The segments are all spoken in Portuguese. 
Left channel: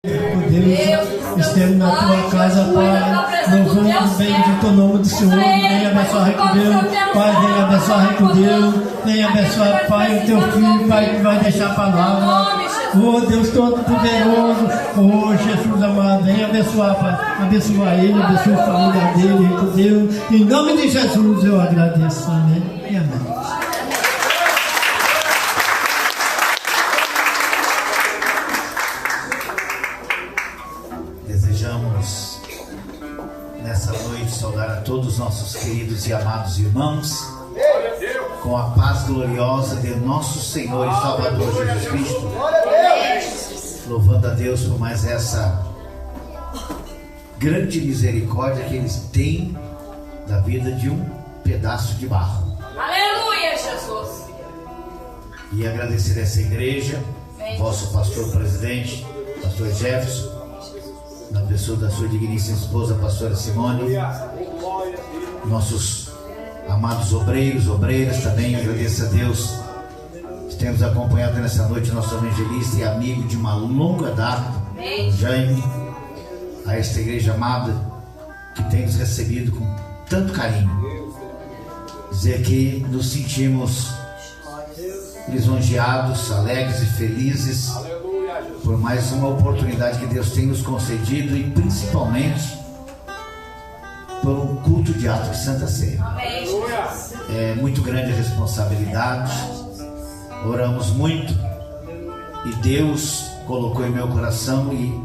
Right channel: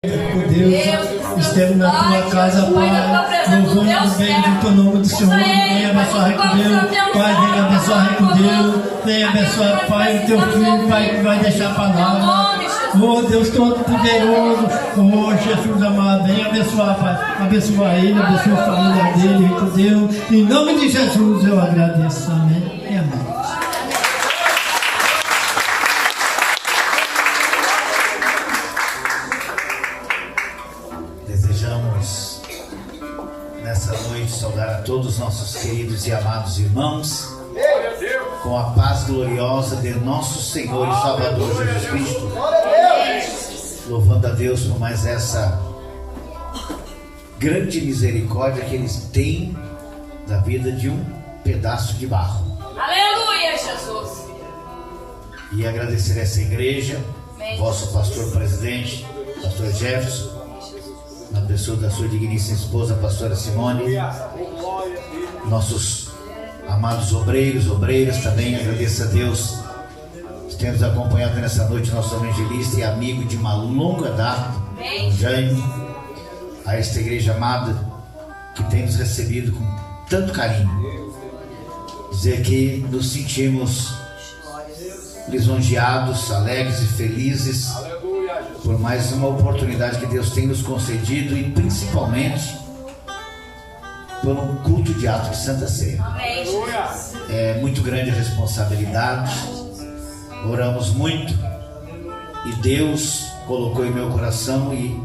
Por Deus, estamos na tua casa, Pai, louvando o bendito nome do Senhor. Venha abençoar com Deus, Pai, venha abençoar com Deus, venha abençoar, Pai, o teu filho, Pai, que vai deixar a palavra. Oh Deus Todo-Poderoso, oh Jesus amado, venha abençoar, Pai, abençoa ele, abençoa a família dele, com Deus, em nome de Jesus eu agradeço, amém e amém. Nessa noite, saudar a todos os nossos queridos e amados irmãos, com a paz gloriosa de nosso Senhor e Salvador Jesus Cristo, louvando a Deus por mais essa grande misericórdia que Ele tem da vida de um pedaço de barro. Aleluia, Jesus! E agradecer a essa igreja, vosso pastor presidente, pastor Jefferson, na pessoa da sua digníssima esposa, pastora Simone, nossos amados obreiros, obreiras, também agradeço a Deus que temos acompanhado nessa noite nosso evangelista e amigo de uma longa data, o Jaime, a esta igreja amada que temos recebido com tanto carinho. Dizer que nos sentimos lisonjeados, alegres e felizes por mais uma oportunidade que Deus tem nos concedido e principalmente por um culto de ato de Santa Ceia. É muito grande a responsabilidade, oramos muito e Deus colocou em meu coração, e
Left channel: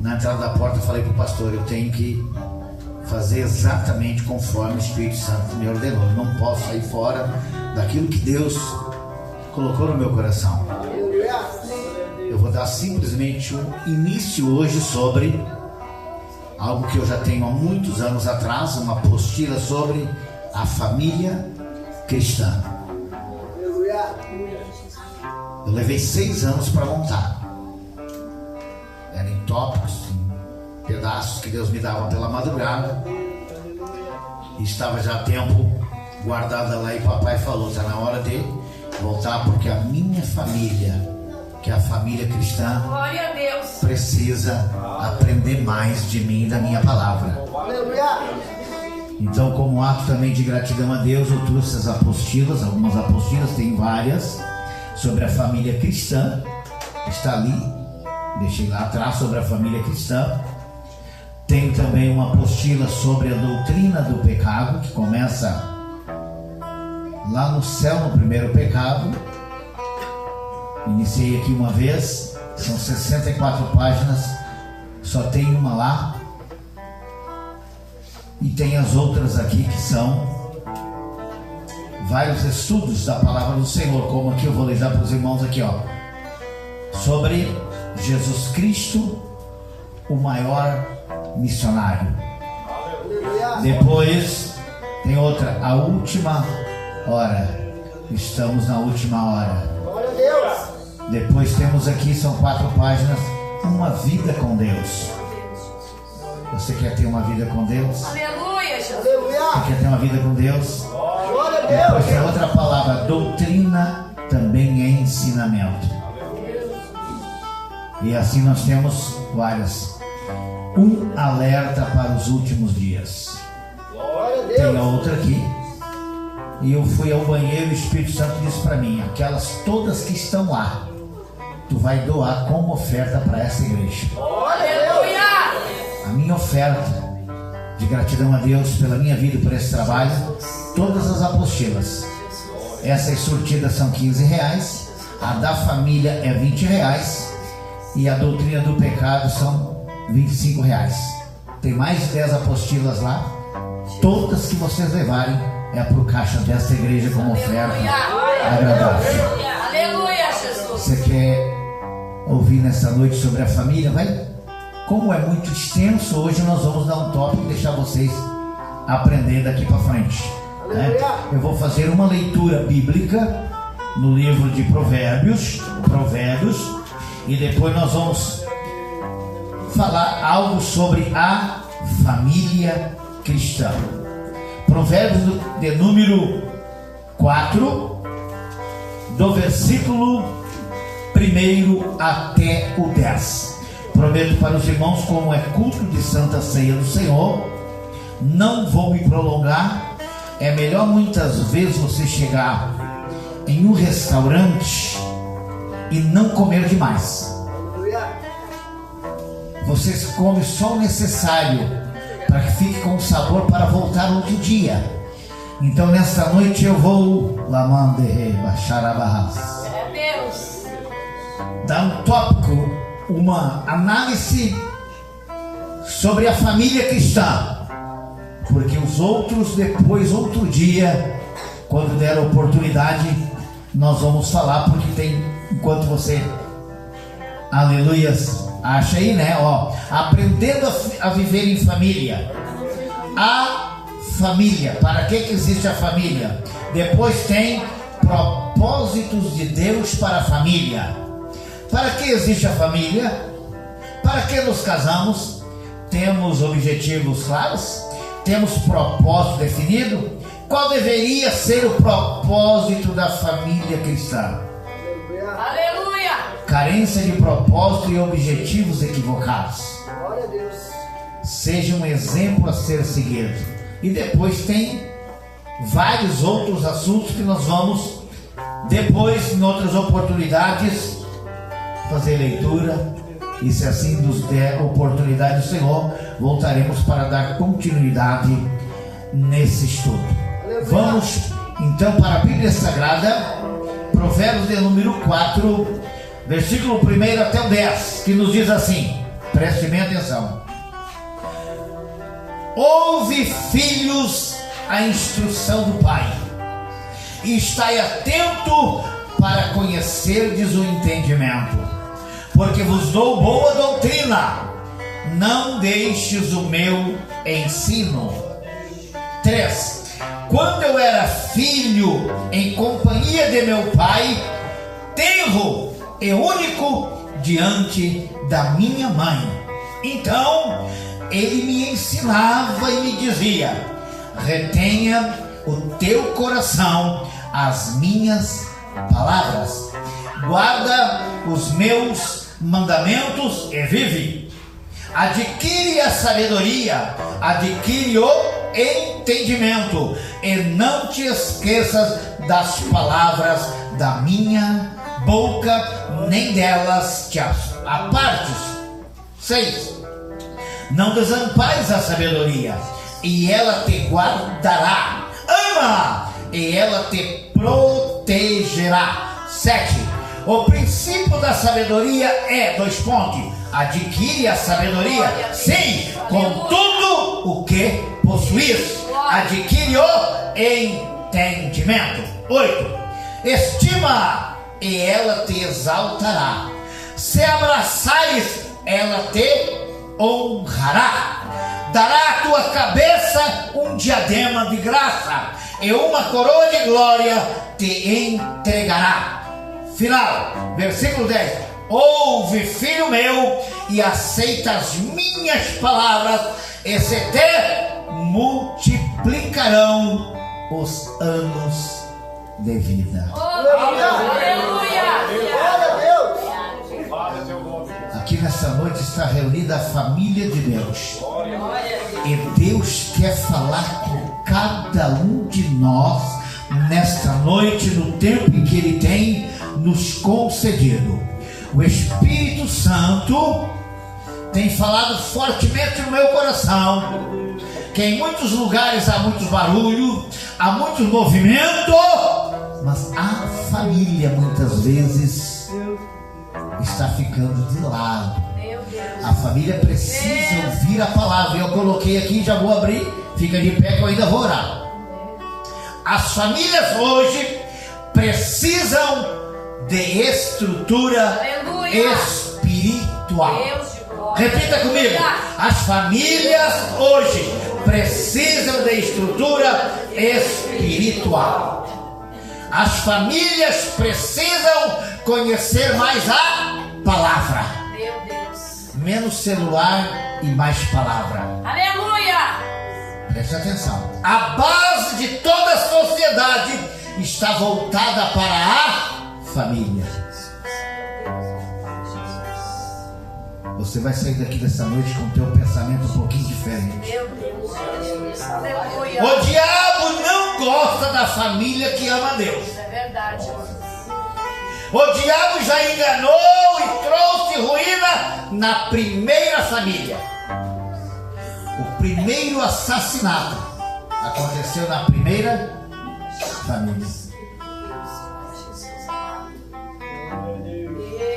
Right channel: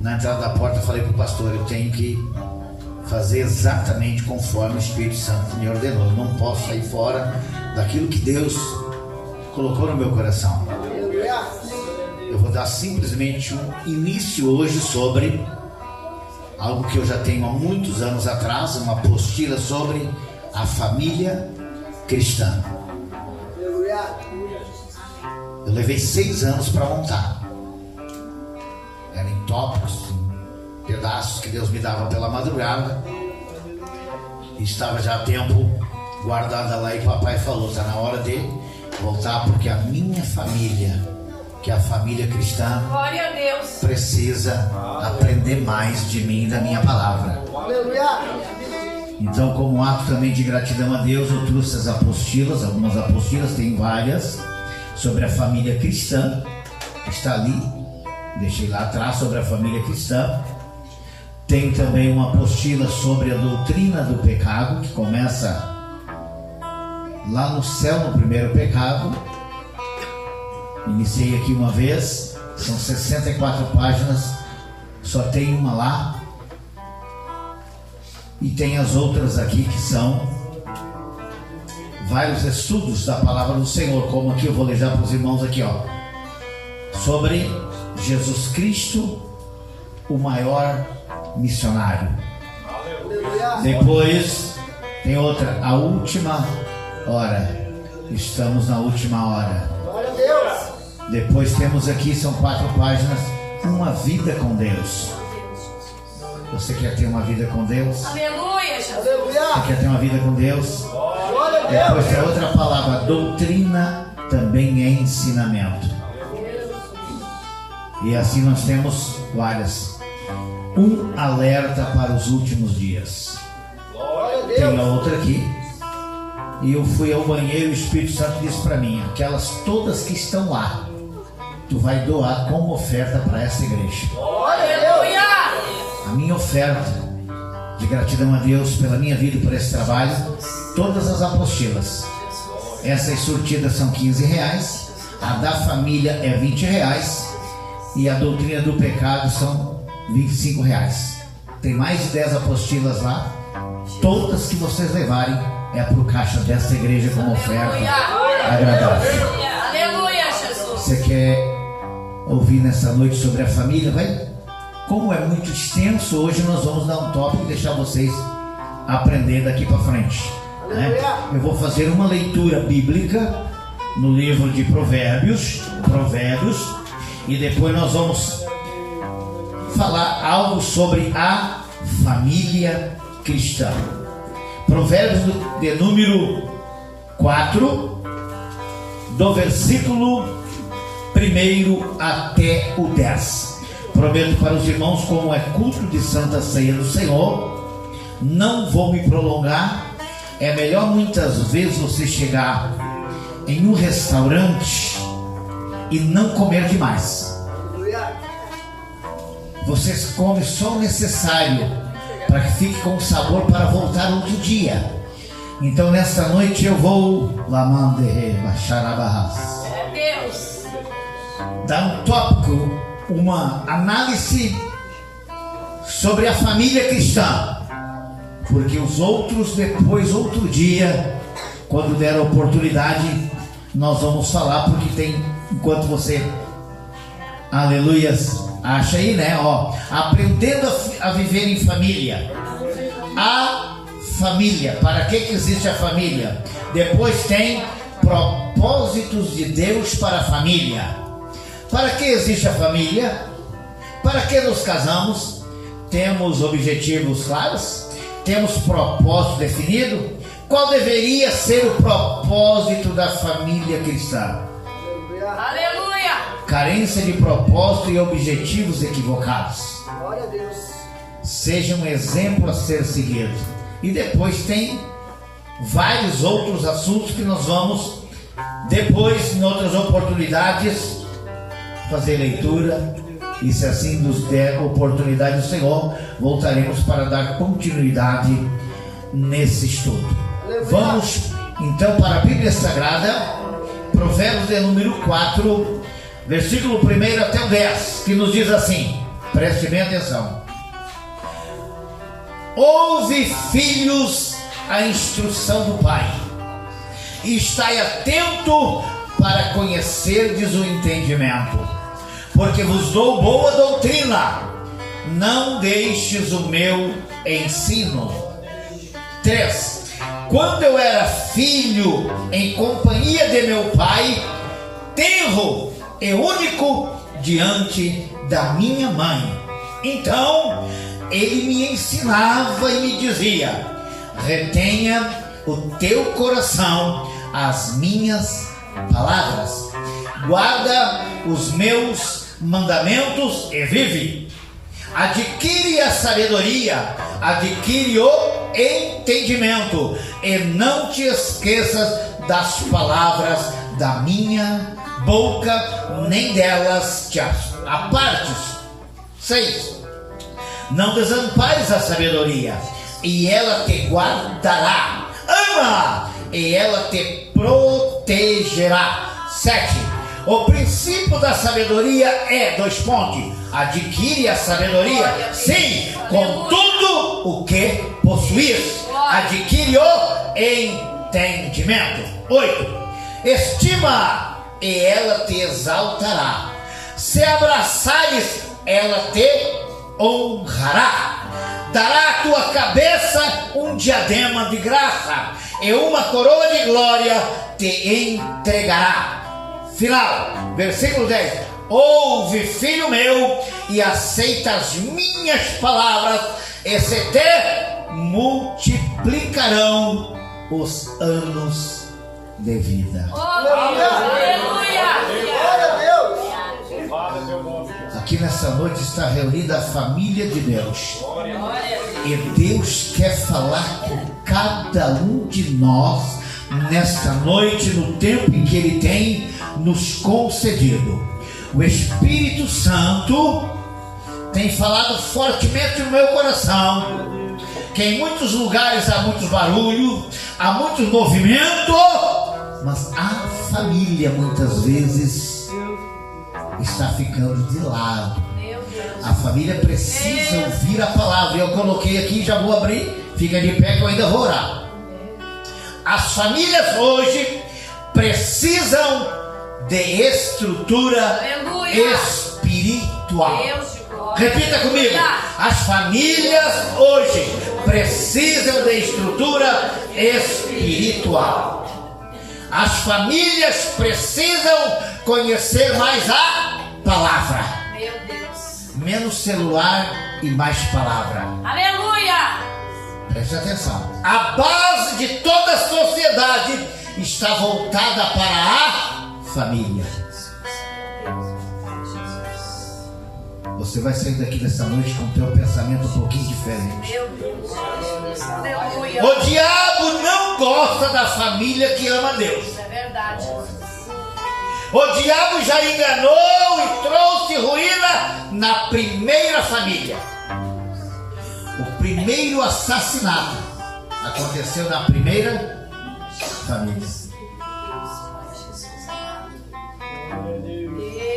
na entrada da porta falei para o pastor: eu tenho que fazer exatamente conforme o Espírito Santo me ordenou, eu não posso sair fora daquilo que Deus colocou no meu coração. Eu vou dar simplesmente um início hoje sobre algo que eu já tenho há muitos anos atrás, uma apostila sobre a família cristã. Eu levei 6 anos para montar. Eram em tópicos, em pedaços que Deus me dava pela madrugada. E estava já há tempo guardada lá, e papai falou: está na hora de voltar, porque a minha família, que é a família cristã, glória a Deus, precisa aprender mais de mim e da minha palavra. Então, como ato também de gratidão a Deus, eu trouxe as apostilas, algumas apostilas, tem várias, sobre a família cristã, está ali, deixei lá atrás, sobre a família cristã. Tem também uma apostila sobre a doutrina do pecado, que começa lá no céu, no primeiro pecado. Iniciei aqui uma vez, são 64 páginas, só tem uma lá, e tem as outras aqui que são vários estudos da palavra do Senhor, como aqui eu vou ler já para os irmãos aqui, ó, sobre Jesus Cristo, o maior missionário. Depois tem outra, a última hora, estamos na última hora. Depois temos aqui, são 4 páginas, uma vida com Deus. Você quer ter uma vida com Deus? Aleluia, Jesus. Você quer ter uma vida com Deus? Depois tem outra palavra, doutrina também é ensinamento. E assim nós temos várias. Um alerta para os últimos dias. Tem a outra aqui. E eu fui ao banheiro e o Espírito Santo disse para mim: aquelas todas que estão lá, tu vai doar como oferta para essa igreja. Aleluia! A minha oferta de gratidão a Deus pela minha vida e por esse trabalho, todas as apostilas, essas sortidas são R$15, a da família é R$20 e a doutrina do pecado são R$25. Tem mais de 10 apostilas lá, todas que vocês levarem é para o caixa desta igreja como oferta agradável. Aleluia, Jesus. Você quer ouvir nessa noite sobre a família? Vai? Como é muito extenso, hoje nós vamos dar um tópico e deixar vocês aprender daqui para frente, né? Eu vou fazer uma leitura bíblica no livro de Provérbios, e depois nós vamos falar algo sobre a família cristã. Provérbios de número 4, do versículo 1 até o 10. prometo para os irmãos, como é culto de Santa Ceia do Senhor, não vou me prolongar. É melhor muitas vezes você chegar em um restaurante e não comer demais. Você come só o necessário para que fique com sabor para voltar no outro dia. Então nesta noite eu vou dar um tópico, uma análise sobre a família cristã. Porque os outros, depois, outro dia, quando der a oportunidade, nós vamos falar, porque tem, enquanto você, aleluias, acha aí, né? Ó, aprendendo a viver em família. A família, para que existe a família? Depois tem propósitos de Deus para a família. Para que existe a família? Para que nos casamos? Temos objetivos claros? Temos propósito definido? Qual deveria ser o propósito da família cristã? Aleluia! Carência de propósito e objetivos equivocados. Glória a Deus. Seja um exemplo a ser seguido. E depois tem vários outros assuntos que nós vamos, depois, em outras oportunidades, fazer leitura. E se assim nos der oportunidade do Senhor, voltaremos para dar continuidade nesse estudo. Vamos então para a Bíblia Sagrada, Provérbios de número 4, versículo 1 até o 10, que nos diz assim, preste bem atenção: ouve, filhos, a instrução do Pai, e estai atento para conhecerdes o entendimento. Porque vos dou boa doutrina, não deixes o meu ensino. 3. Quando eu era filho, em companhia de meu pai, tenro e único diante da minha mãe. Então, ele me ensinava e me dizia: retenha o teu coração as minhas palavras, guarda os meus mandamentos e vive. Adquire a sabedoria, adquire o entendimento, e não te esqueças das palavras da minha boca, nem delas te apartes. 6. Não desampares a sabedoria, e ela te guardará. Ama, e ela te protegerá. 7. O princípio da sabedoria é, adquire a sabedoria, sim, com tudo o que possuis. Adquire o entendimento. 8. Estima, e ela te exaltará. Se abraçares, ela te honrará. Dará à tua cabeça um diadema de graça, e uma coroa de glória te entregará. Final, versículo 10. Ouve, filho meu, e aceita as minhas palavras, e se te multiplicarão os anos de vida. Aleluia! Glória a Deus. Aqui nessa noite está reunida a família de Deus. E Deus quer falar com cada um de nós nesta noite, no tempo em que Ele tem nos concedido. O Espírito Santo tem falado fortemente no meu coração que em muitos lugares há muito barulho, há muito movimento, mas a família muitas vezes está ficando de lado. A família precisa ouvir a palavra. Eu coloquei aqui, já vou abrir, fica de pé que eu ainda vou orar. As famílias hoje precisam de estrutura espiritual. Repita comigo: as famílias hoje precisam de estrutura espiritual. As famílias precisam conhecer mais a palavra. Meu Deus. Menos celular e mais palavra. Aleluia. Presta atenção. A base de toda a sociedade está voltada para a família. Você vai sair daqui dessa noite com o teu pensamento um pouquinho diferente. Meu Deus, Jesus. Aleluia. O diabo não gosta da família que ama Deus. Isso é verdade. O diabo já enganou e trouxe ruína na primeira família. O primeiro assassinato aconteceu na primeira família.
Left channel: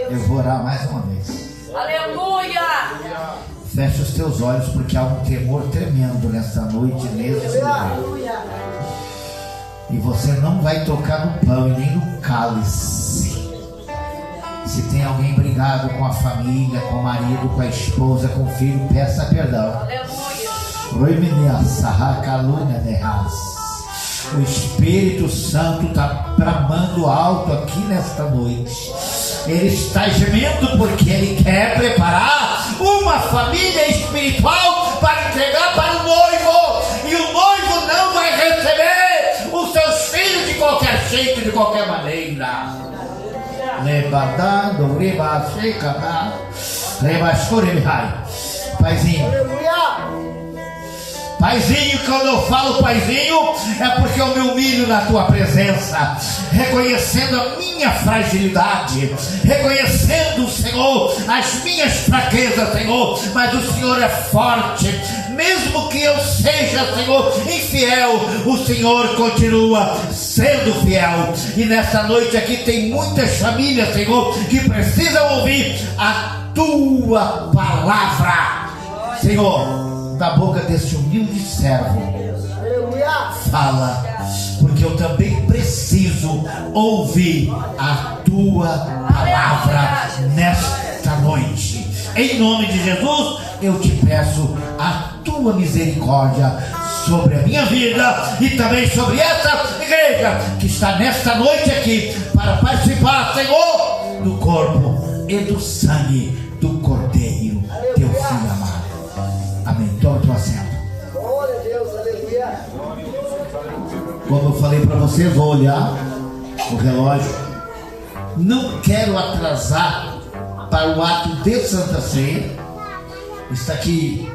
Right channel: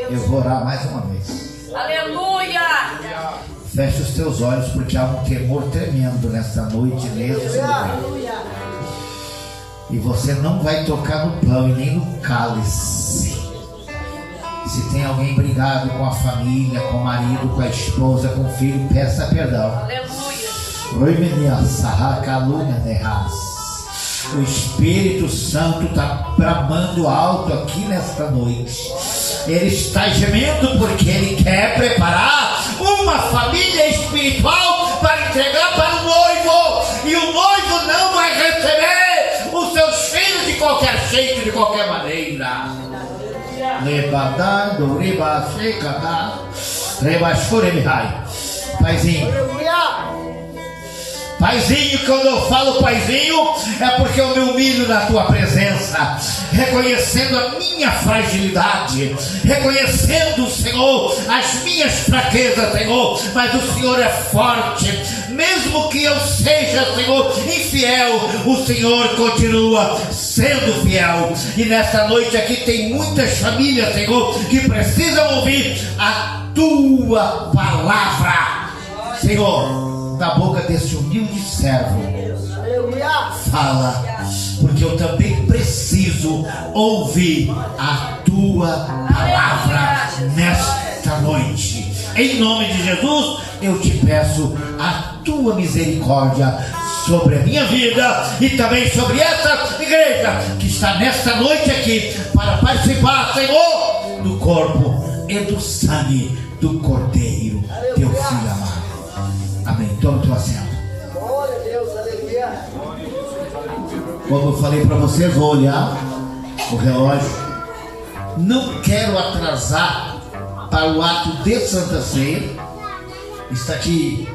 Eu vou orar mais uma vez. Aleluia. Feche os teus olhos, porque há um temor tremendo nesta noite nesse lugar. E você não vai tocar no pão e nem no cálice. Se tem alguém brigado com a família, com o marido, com a esposa, com o filho, peça perdão. Aleluia. Oi, menina, sarracalunha, nerras. O Espírito Santo está bramando alto aqui nesta noite. Ele está gemendo porque ele quer preparar uma família espiritual para entregar para o noivo. E o noivo não vai receber os seus filhos de qualquer jeito, de qualquer maneira. Levantado, ribachecada, rebachuremihai. Paizinho. Paizinho, quando eu falo paizinho, é porque eu me humilho na tua presença, reconhecendo a minha fragilidade, reconhecendo, Senhor, as minhas fraquezas, Senhor, mas o Senhor é forte. Mesmo que eu seja, Senhor, infiel, o Senhor continua sendo fiel. E nessa noite aqui tem muitas famílias, Senhor, que precisam ouvir a tua palavra, Senhor. Da boca desse humilde servo, fala, porque eu também preciso ouvir a tua palavra nesta noite. Em nome de Jesus, eu te peço a tua misericórdia sobre a minha vida e também sobre essa igreja que está nesta noite aqui para participar, Senhor, do corpo e do sangue do Cordeiro, teu filho amado. Amém. Toma tua senta. Glória a Deus, aleluia. Como eu falei para você, vou olhar o relógio. Não quero atrasar para o ato de Santa Ceia. Está aqui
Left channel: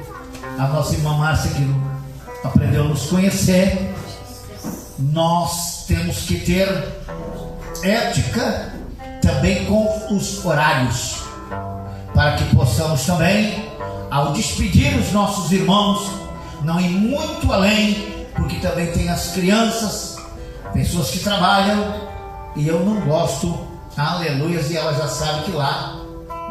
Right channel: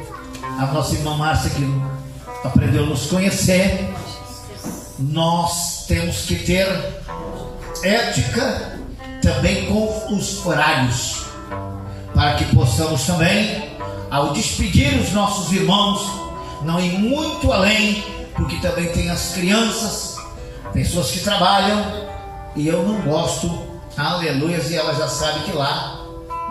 a nossa irmã Márcia, que aprendeu a nos conhecer. Nós temos que ter ética também com os horários, para que possamos também, ao despedir os nossos irmãos, não ir muito além, porque também tem as crianças, pessoas que trabalham, e eu não gosto, aleluia, e ela já sabe que lá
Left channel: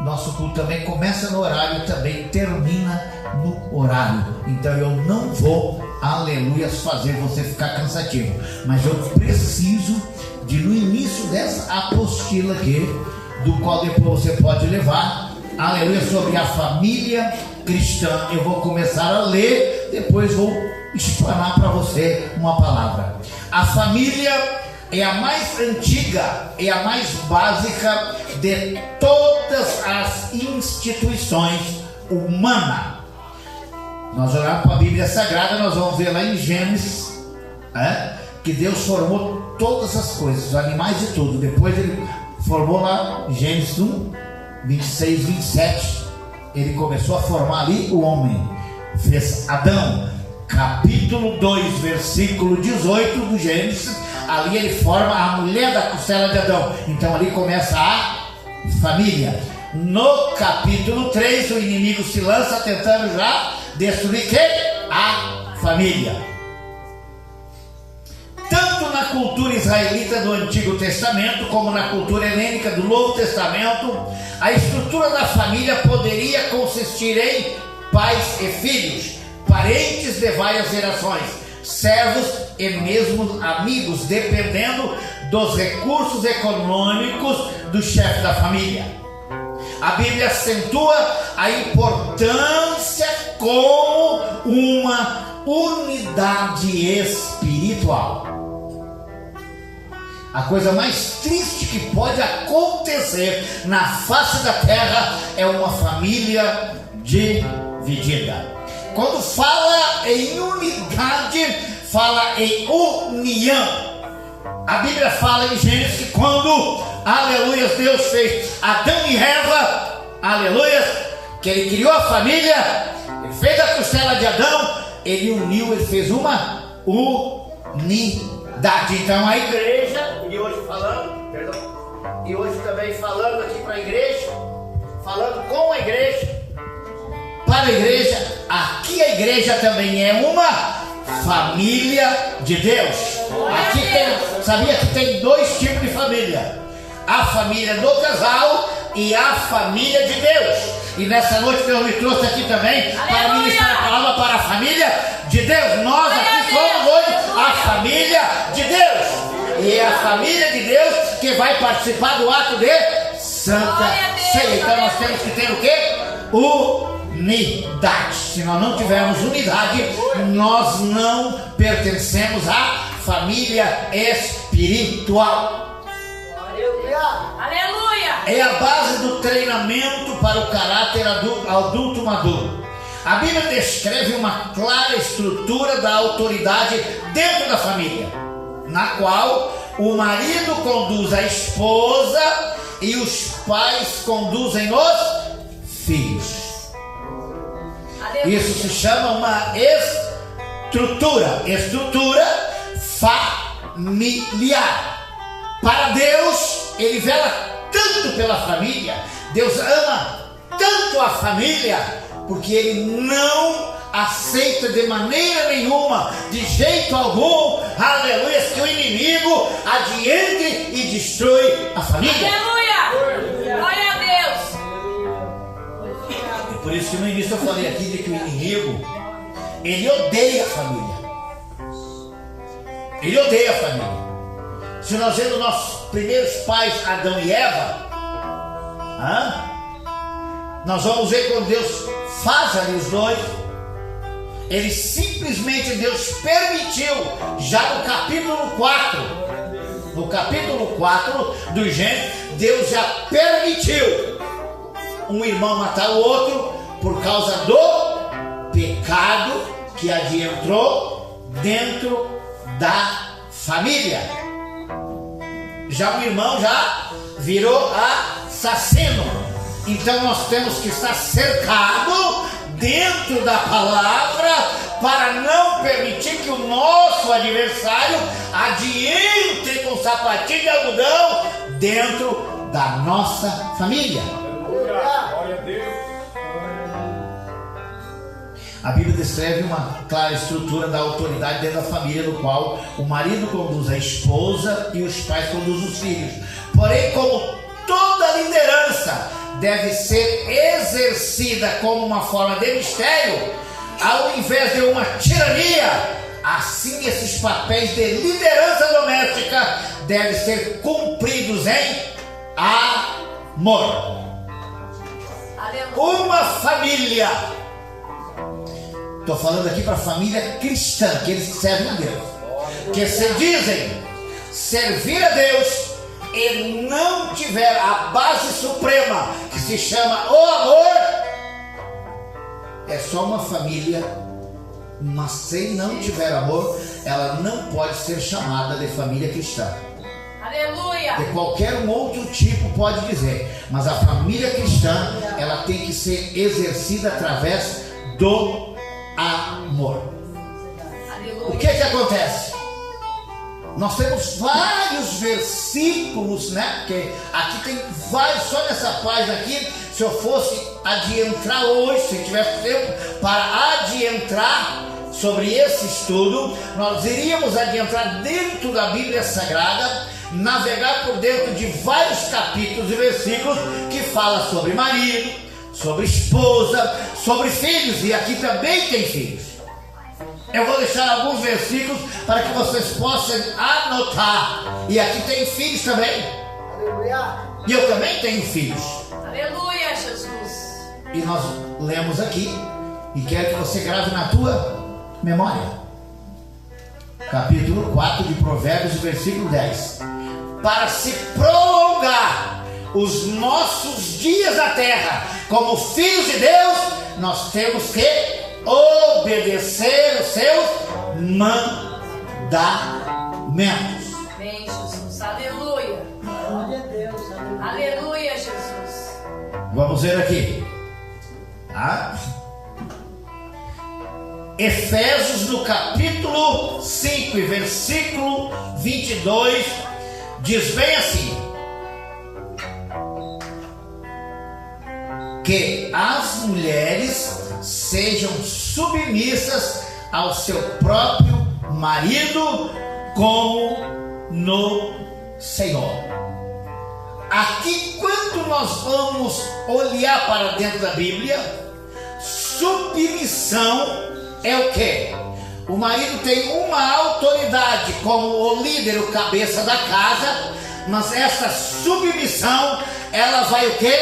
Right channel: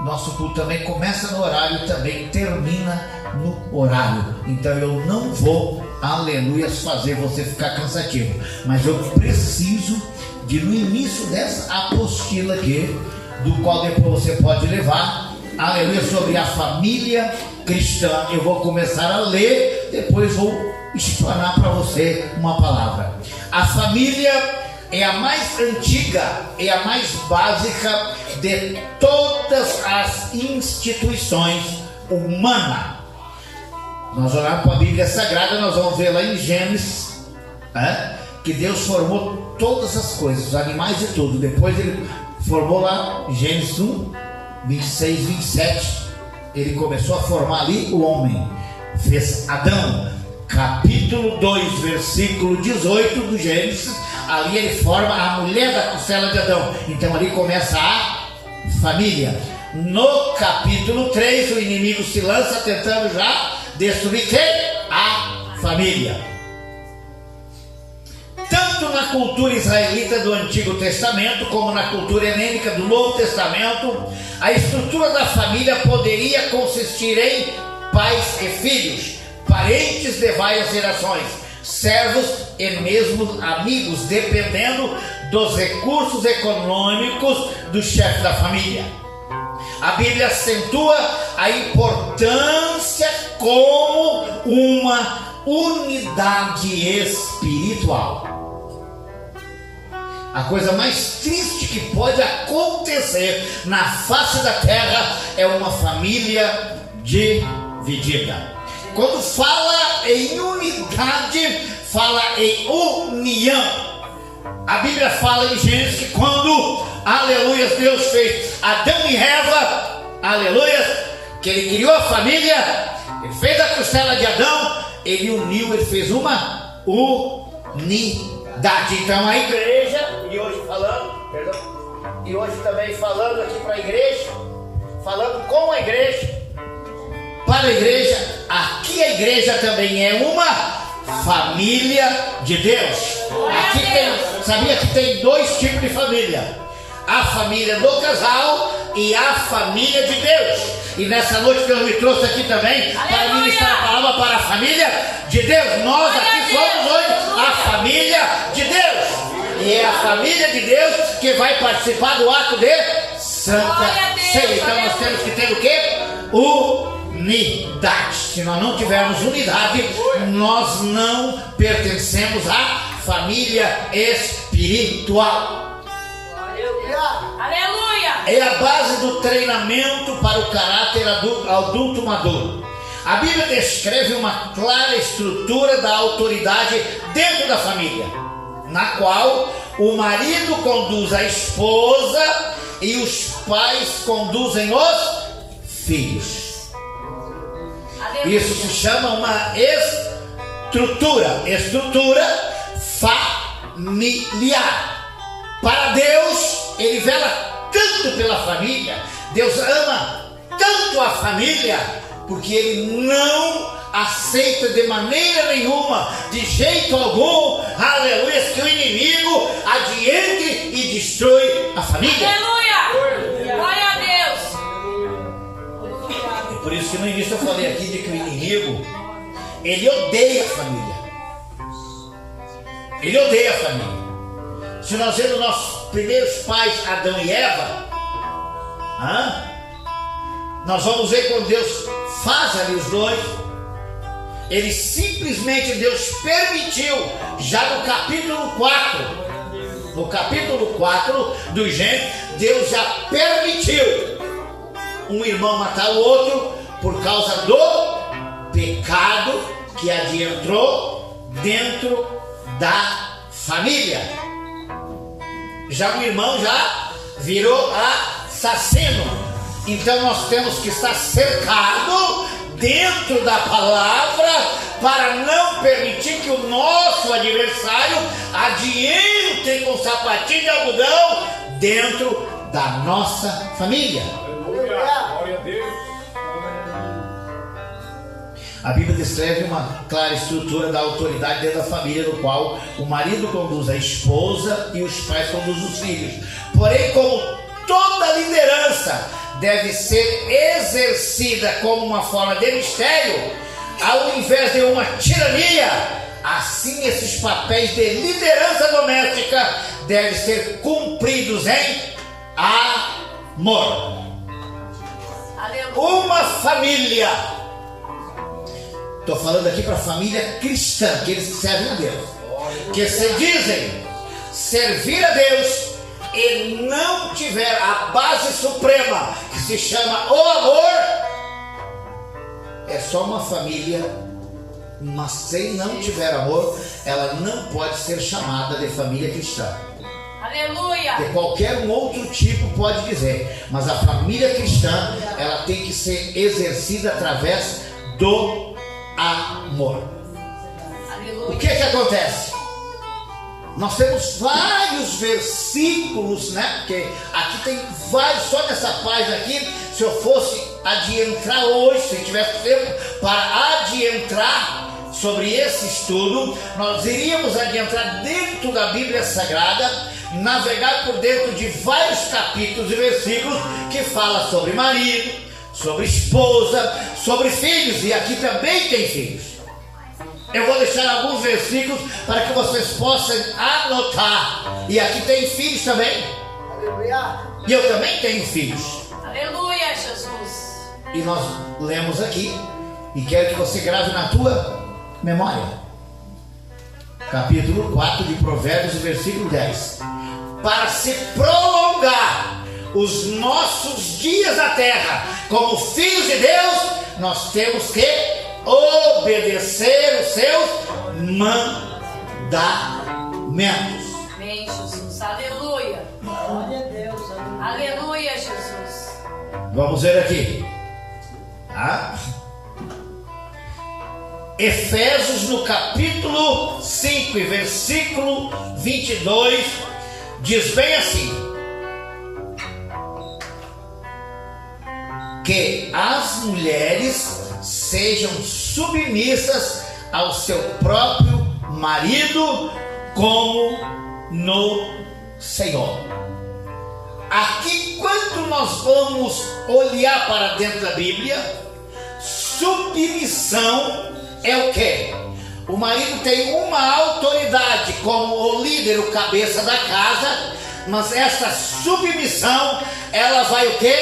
nosso culto também começa no horário e também termina no horário. Então eu não vou, aleluia, fazer você ficar cansativo, mas eu preciso de, no início dessa apostila aqui, do qual depois você pode levar, aleluia, sobre a família cristã. Eu vou começar a ler, depois vou explanar para você uma palavra. A família é a mais antiga e a mais básica de todas as instituições humanas. Nós olhamos para a Bíblia Sagrada, nós vamos ver lá em Gênesis, que Deus formou todas as coisas, os animais e tudo. Depois ele formou lá, Gênesis 1, 26, 27, ele começou a formar ali o homem, fez Adão. Capítulo 2, versículo 18 do Gênesis, ali ele forma a mulher da costela de Adão. Então ali começa a família. No capítulo 3, o inimigo se lança tentando já destruir quem? A família. Tanto na cultura israelita do Antigo Testamento, como na cultura helênica do Novo Testamento, a estrutura da família poderia consistir em pais e filhos, parentes de várias gerações, servos e mesmo amigos, dependendo dos recursos econômicos do chefe da família. A Bíblia acentua a importância como uma unidade espiritual. A coisa mais triste que pode acontecer na face da terra é uma família dividida. Quando fala em unidade, fala em união. A Bíblia fala em Gênesis que quando, aleluia, Deus fez Adão e Eva, aleluia, que ele criou a família, ele fez a costela de Adão, ele uniu, ele fez uma unidade. Então a igreja, e hoje falando, perdão, e hoje também falando aqui para a igreja, falando com a igreja, para a igreja, aqui a igreja também é uma família de Deus. Aqui tem, sabia que tem dois tipos de família: a família do casal e a família de Deus. E nessa noite Deus me trouxe aqui também para ministrar a palavra para a família de Deus. Nós aqui somos hoje a família de Deus. E é a família de Deus que vai participar do ato de Santa Ceia. Então nós temos que ter o quê? Unidade. Se nós não tivermos unidade, nós não pertencemos à família espiritual. Aleluia! É a base do treinamento para o caráter adulto maduro. A Bíblia descreve uma clara estrutura da autoridade dentro da família, na qual o marido conduz a esposa e os pais conduzem os filhos. Isso se chama uma estrutura familiar. Para Deus, Ele vela tanto pela família. Deus ama tanto a família, porque Ele não aceita de maneira nenhuma, de jeito algum, aleluia, que o inimigo adiante e destrói a família. Aleluia! Glória a Deus! E por isso que no início eu falei aqui de que o inimigo, ele odeia a família. Ele odeia a família. Se nós vemos nossos primeiros pais, Adão e Eva, nós vamos ver quando Deus faz ali os dois. Ele simplesmente, Deus permitiu, já no capítulo 4, do Gênesis, Deus já permitiu um irmão matar o outro por causa do pecado que adentrou dentro da família. Já um irmão já virou assassino. Então nós temos que estar cercado dentro da palavra para não permitir que o nosso adversário adiante com sapatinho de algodão dentro da nossa família. Glória a Deus. A Bíblia descreve uma clara estrutura da autoridade dentro da família, no qual o marido conduz a esposa e os pais conduzem os filhos. Porém, como toda liderança deve ser exercida como uma forma de mistério, ao invés de uma tirania, assim esses papéis de liderança doméstica devem ser cumpridos em amor. Uma família, estou falando aqui para a família cristã, que eles servem a Deus, que se dizem servir a Deus e não tiver a base suprema, que se chama o amor, é só uma família, mas se não tiver amor, ela não pode ser chamada de família cristã. Aleluia! De qualquer um outro tipo pode dizer, mas a família cristã, ela tem que ser exercida através do amor. Aleluia! O que acontece? Nós temos vários versículos, né? Porque aqui tem vários, só nessa página aqui, se eu fosse adiantrar hoje, se tivesse tempo para adiantrar sobre esse estudo, nós iríamos adiantrar dentro da Bíblia Sagrada, navegar por dentro de vários capítulos e versículos que fala sobre marido, sobre esposa, sobre filhos, e aqui também tem filhos. Eu vou deixar alguns versículos para que vocês possam anotar. E aqui tem filhos também. Aleluia. E eu também tenho filhos. Aleluia, Jesus! E nós lemos aqui, e quero que você grave na tua memória. Capítulo 4 de Provérbios, versículo 10. Para se prolongar os nossos dias na terra, como filhos de Deus, nós temos que obedecer os seus mandamentos. Amém, Jesus. Aleluia. Glória a Deus. Aleluia, Jesus. Vamos ver aqui. Tá? Efésios no capítulo 5 e versículo 22 diz bem assim: que as mulheres sejam submissas ao seu próprio marido como no Senhor. Aqui, quando nós vamos olhar para dentro da Bíblia, submissão é o quê? O marido tem uma autoridade como o líder, o cabeça da casa, mas essa submissão, ela vai o quê?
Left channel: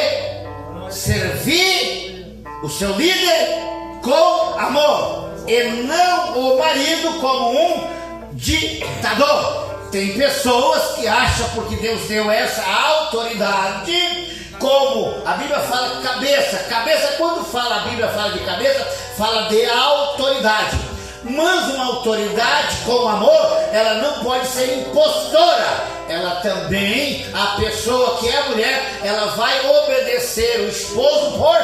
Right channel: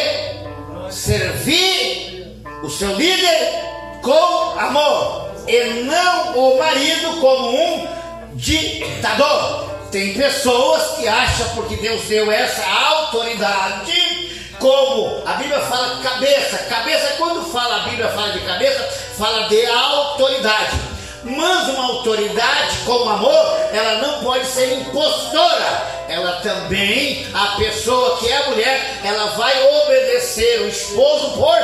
Servir o seu líder com amor, e não o marido como um ditador. Tem pessoas que acham, porque Deus deu essa autoridade, como a Bíblia fala cabeça. Cabeça, quando fala, a Bíblia fala de cabeça, fala de autoridade. Mas uma autoridade com amor, ela não pode ser impostora. Ela também, a pessoa que é a mulher, ela vai obedecer o esposo por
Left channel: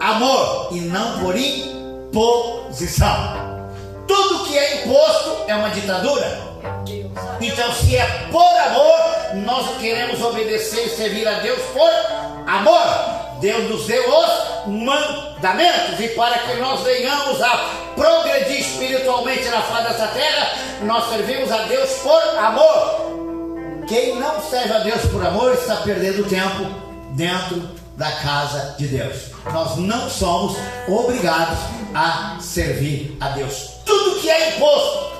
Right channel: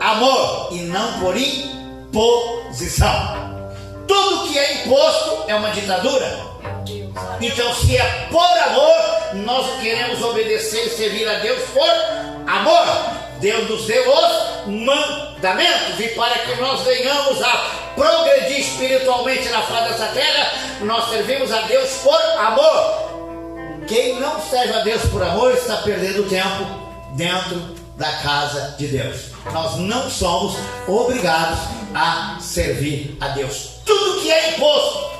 amor e não por imposição. Tudo que é imposto é uma ditadura. Então, se é por amor, nós queremos obedecer e servir a Deus por amor. Deus nos deu os mandamentos, e para que nós venhamos a progredir espiritualmente na face dessa terra, nós servimos a Deus por amor. Quem não serve a Deus por amor está perdendo tempo dentro da casa de Deus. Nós não somos obrigados a servir a Deus. Tudo que é imposto,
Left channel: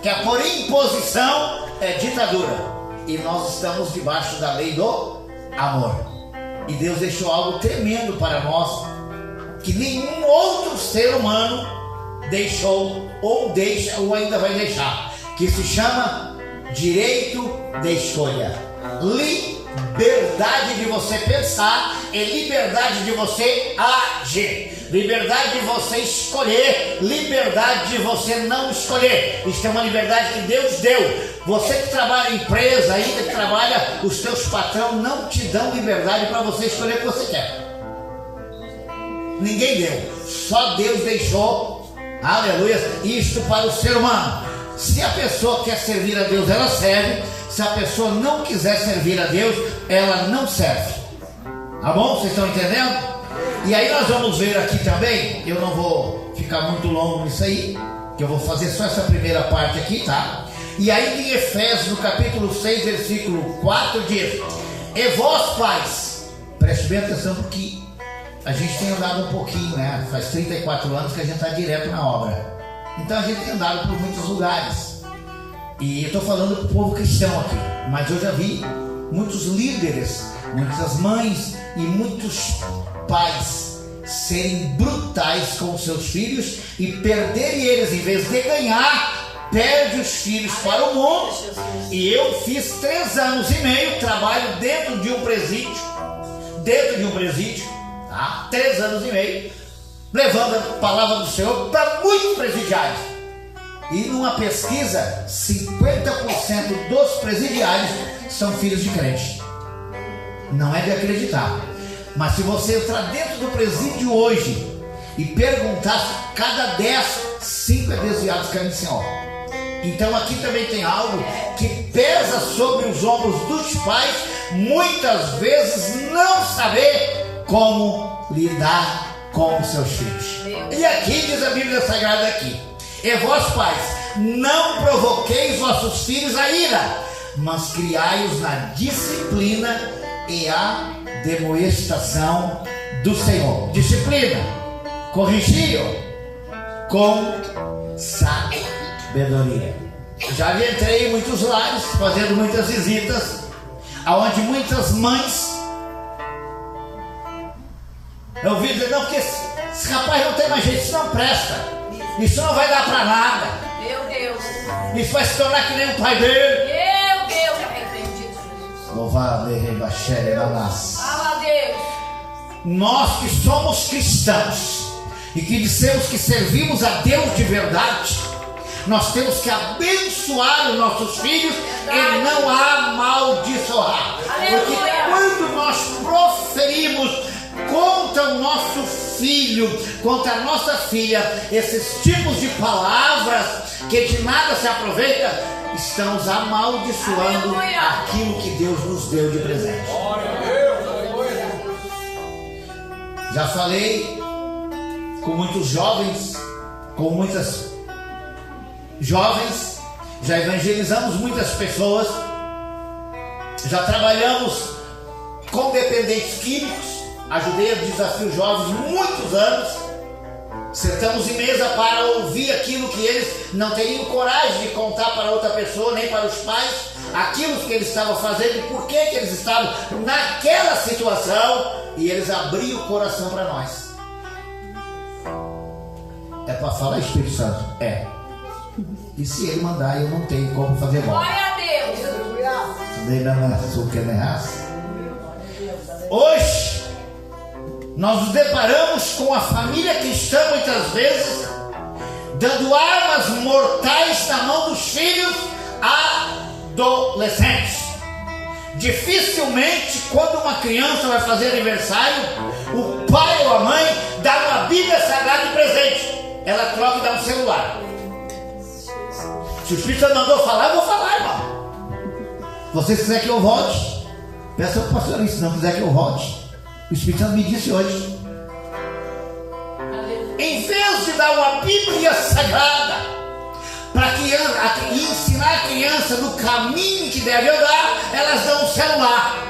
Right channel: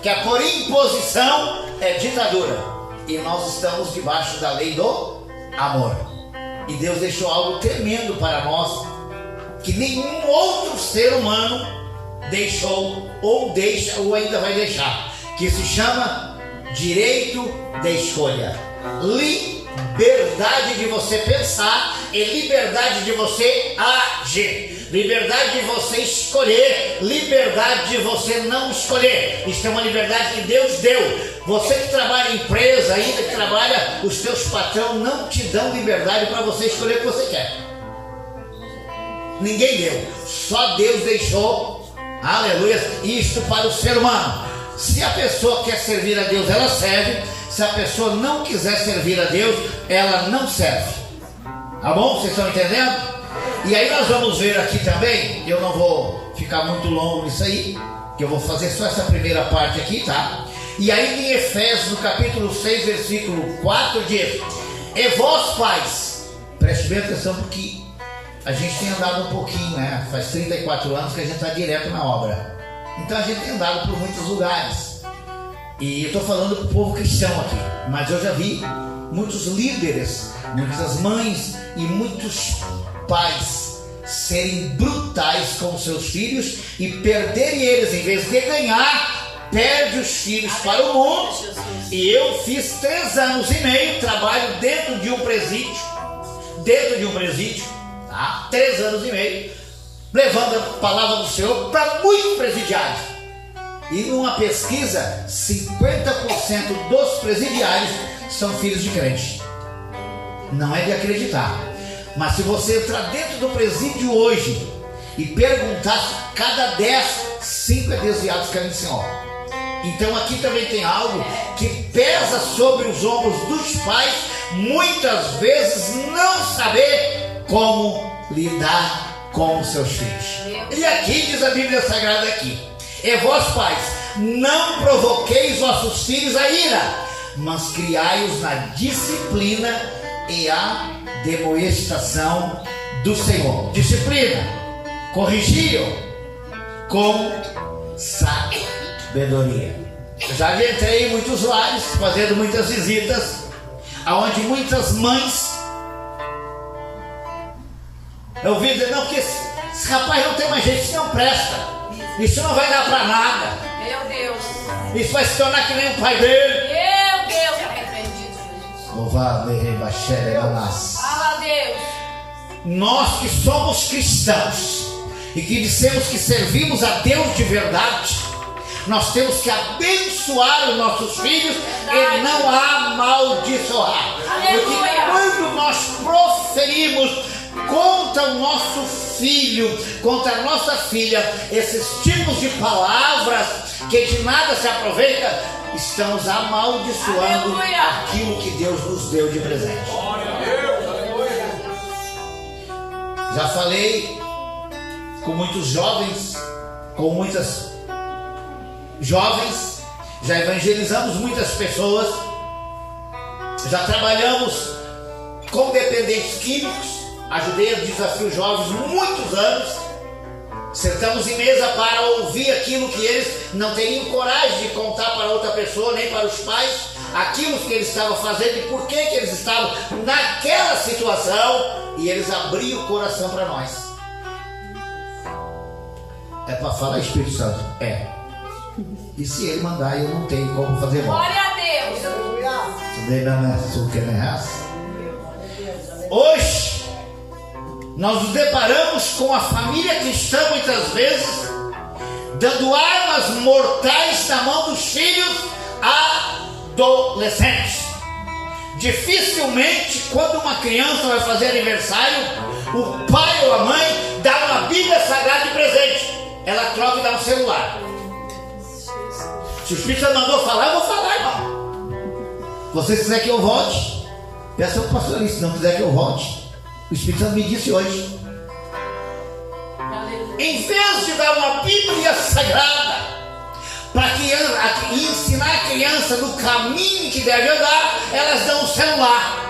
que é por imposição, é ditadura. E nós estamos debaixo da lei do amor. E Deus deixou algo tremendo para nós, que nenhum outro ser humano deixou, ou deixa, ou ainda vai deixar, que se chama direito de escolha. Liberdade de você pensar e liberdade de você agir. Liberdade de você escolher, liberdade de você não escolher. Isso é uma liberdade que Deus deu. Você que trabalha em empresa, ainda que trabalha, os seus patrões não te dão liberdade para você escolher o que você quer. Ninguém deu. Só Deus deixou, aleluia, isto para o ser humano. Se a pessoa quer servir a Deus, ela serve. Se a pessoa não quiser servir a Deus, ela não serve. Tá bom? Vocês estão entendendo? E aí nós vamos ver aqui também, eu não vou ficar muito longo nisso aí, que eu vou fazer só essa primeira parte aqui, tá? E aí em Efésios, no capítulo 6, versículo 4, diz: e vós, pais, preste bem atenção, porque a gente tem andado um pouquinho, né? Faz 34 anos que a gente está direto na obra. Então a gente tem andado por muitos lugares. E eu estou falando para o povo cristão aqui, mas eu já vi muitos líderes, muitas mães e muitos pais serem brutais com seus filhos e perderem eles. Em vez de ganhar, perde os filhos para o mundo. E eu fiz 3 anos e meio, trabalho dentro de um presídio, tá? 3 anos e meio, levando a palavra do Senhor para muitos presidiários. E numa pesquisa, 50% dos presidiários são filhos de crente. Não é de acreditar. Mas se você entrar dentro do presídio hoje e perguntar, cada 10, 5 é desviado dos caminhos do Senhor. Então aqui também tem algo que pesa sobre os ombros dos pais, muitas vezes não saber como lidar com os seus filhos. E aqui diz a Bíblia Sagrada aqui: e vós, pais, não provoqueis vossos filhos a ira, mas criai-os na disciplina e a demonstração do Senhor. Disciplina, corrigiam com sabedoria. Já entrei em muitos lares, fazendo muitas visitas, aonde muitas mães, eu vi dizer: não, porque esse rapaz não tem mais jeito, isso não presta, isso não vai dar para nada. Meu Deus. Isso vai se tornar que nem o pai dele. Meu Deus, arrependido, Jesus. Louvado seja Deus. Fala a Deus. Nós que somos cristãos e que dissemos que servimos a Deus de verdade, nós temos que abençoar os nossos filhos e não amaldiçoar. Porque quando nós proferimos contra o nosso filho, contra a nossa filha, esses tipos de palavras que de nada se aproveita, estamos amaldiçoando aquilo que Deus nos deu de presente. Já falei com muitos jovens, com muitas jovens, já evangelizamos muitas pessoas, já trabalhamos com dependentes químicos, ajudei a Desafio Jovens muitos anos. Sentamos em mesa para ouvir aquilo que eles não teriam coragem de contar para outra pessoa, nem para os pais, aquilo que eles estavam fazendo e por que eles estavam naquela situação, e eles abriam o coração para nós. É para falar, Espírito Santo? É. E se ele mandar, eu não tenho como fazer mal. Glória a Deus. Hoje nós nos deparamos com a família cristã muitas vezes dando armas mortais na mão dos filhos adolescentes. Dificilmente, quando uma criança vai fazer aniversário, o pai ou a mãe dá uma Bíblia Sagrada de presente. Ela troca e dá um celular. Se o Espírito Santo mandou falar, eu vou falar, irmão. Se você quiser que eu volte, peça ao pastor isso. Se não quiser que eu volte, o Espírito Santo me disse hoje. Em vez de dar uma Bíblia Sagrada para ensinar a criança no caminho que deve andar, elas dão um celular.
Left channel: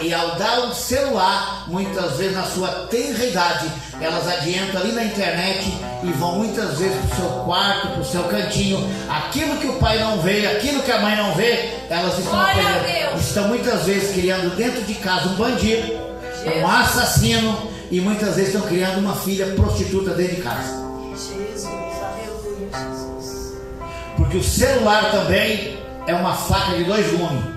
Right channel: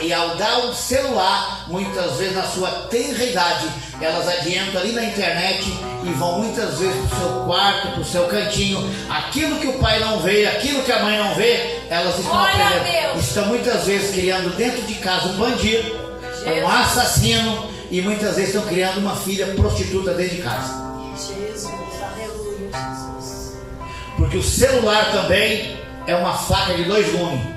E ao dar um celular, muitas vezes na sua tenra idade, elas adiantam ali na internet e vão muitas vezes para o seu quarto, para o seu cantinho. Aquilo que o pai não vê, aquilo que a mãe não vê, elas estão aprendendo. Estão muitas vezes criando dentro de casa um bandido, um assassino, e muitas vezes estão criando uma filha prostituta dentro de casa. Porque o celular também é uma faca de dois gumes.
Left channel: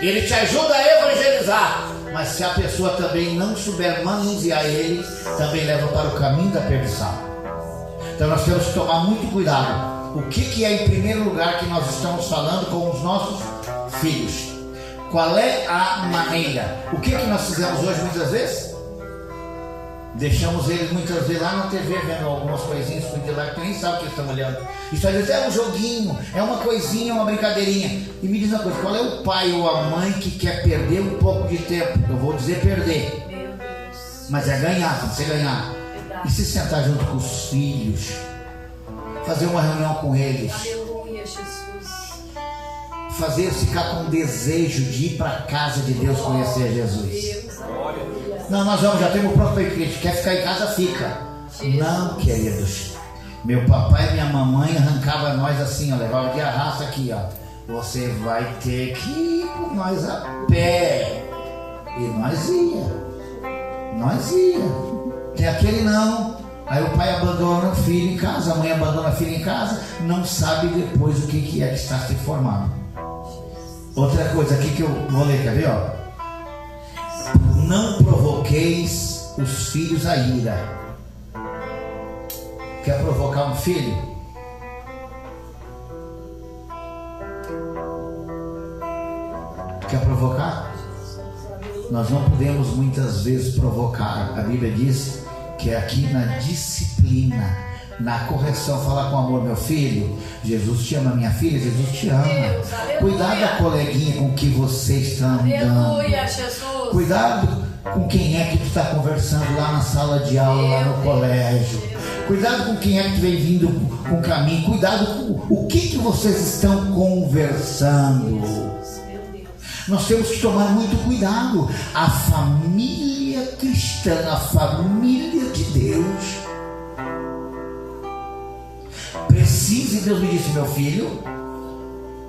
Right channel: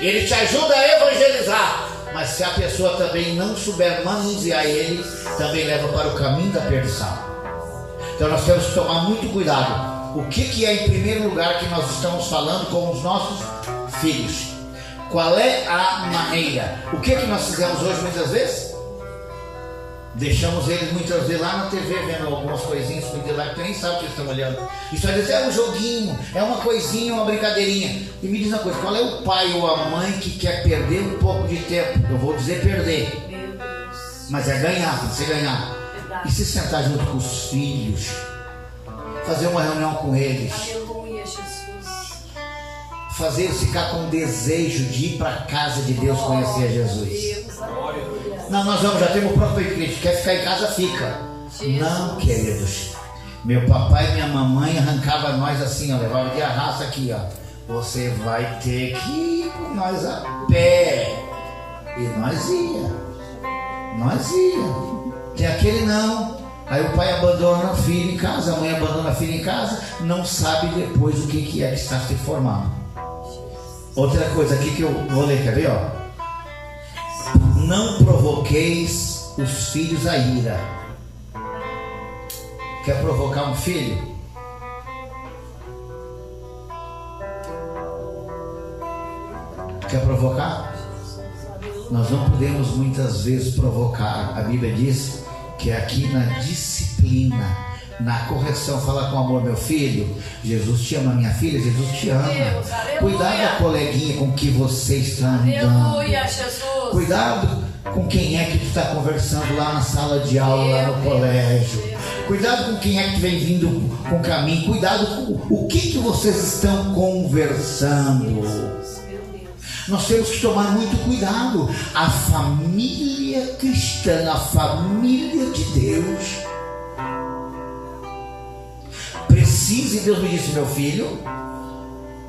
Ele te ajuda a evangelizar, mas se a pessoa também não souber manusear ele, também leva para o caminho da perdição. Então nós temos que tomar muito cuidado. O que é em primeiro lugar que nós estamos falando com os nossos filhos? Qual é a maneira? O que nós fizemos hoje muitas vezes? Deixamos eles muitas vezes lá na TV vendo algumas coisinhas que nem sabe o que eles estão olhando. Isso às vezes é um joguinho, é uma coisinha, uma brincadeirinha. E me diz uma coisa, qual é o pai ou a mãe que quer perder um pouco de tempo? Eu vou dizer perder, mas é ganhar, tem que ser ganhar. E se sentar junto com os filhos, fazer uma reunião com eles, fazer eles ficar com desejo de ir para a casa de Deus conhecer Jesus. Não, nós vamos, já temos o próprio Cristo. Quer ficar em casa, fica. Não, queridos. Meu papai e minha mamãe arrancava nós assim, ó, levava de arrasto aqui, ó. Você vai ter que ir com nós a pé. E nós ia. Tem aquele não. Aí o pai abandona o filho em casa, a mãe abandona a filha em casa, não sabe depois o que é que está se formando. Outra coisa aqui que eu vou ler, quer ver, ó? Não provoqueis os filhos a ira. Quer provocar um filho? Quer provocar? Nós não podemos muitas vezes provocar. A Bíblia diz que é aqui na disciplina, na correção, fala com amor, meu filho. Jesus te ama, minha filha, Jesus te ama. Deus, cuidado da coleguinha com que você está andando. Aleluia, Jesus. Cuidado com quem é que tu está conversando lá na sala de aula, lá no colégio. Cuidado com quem é que vem vindo com o caminho. Cuidado com o que vocês estão conversando. Nós temos que tomar muito cuidado. A família cristã, a família de Deus, precisa, e Deus me disse, meu filho,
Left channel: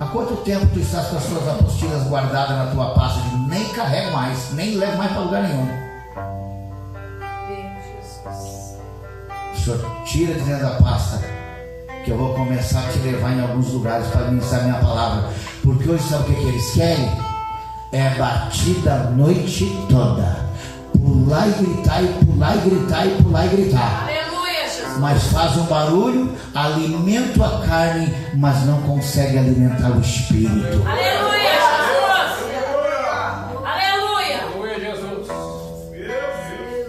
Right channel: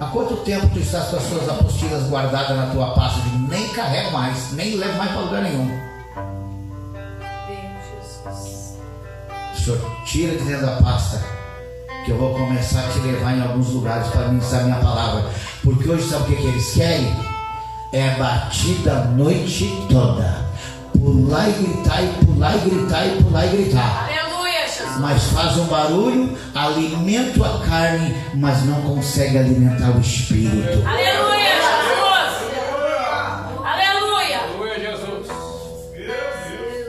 há quanto tempo tu estás com as suas apostilas guardadas na tua pasta? Nem carrego mais, nem levo mais para lugar nenhum. O Senhor tira de dentro da pasta, que eu vou começar a te levar em alguns lugares para ministrar minha palavra. Porque hoje sabe o que eles querem? É batida a noite toda. Pular e gritar, e pular e gritar, e pular e gritar. Aleluia, Jesus. Mas faz um barulho, alimenta a carne, mas não consegue alimentar o espírito. Aleluia, Jesus. Aleluia. Aleluia, Jesus.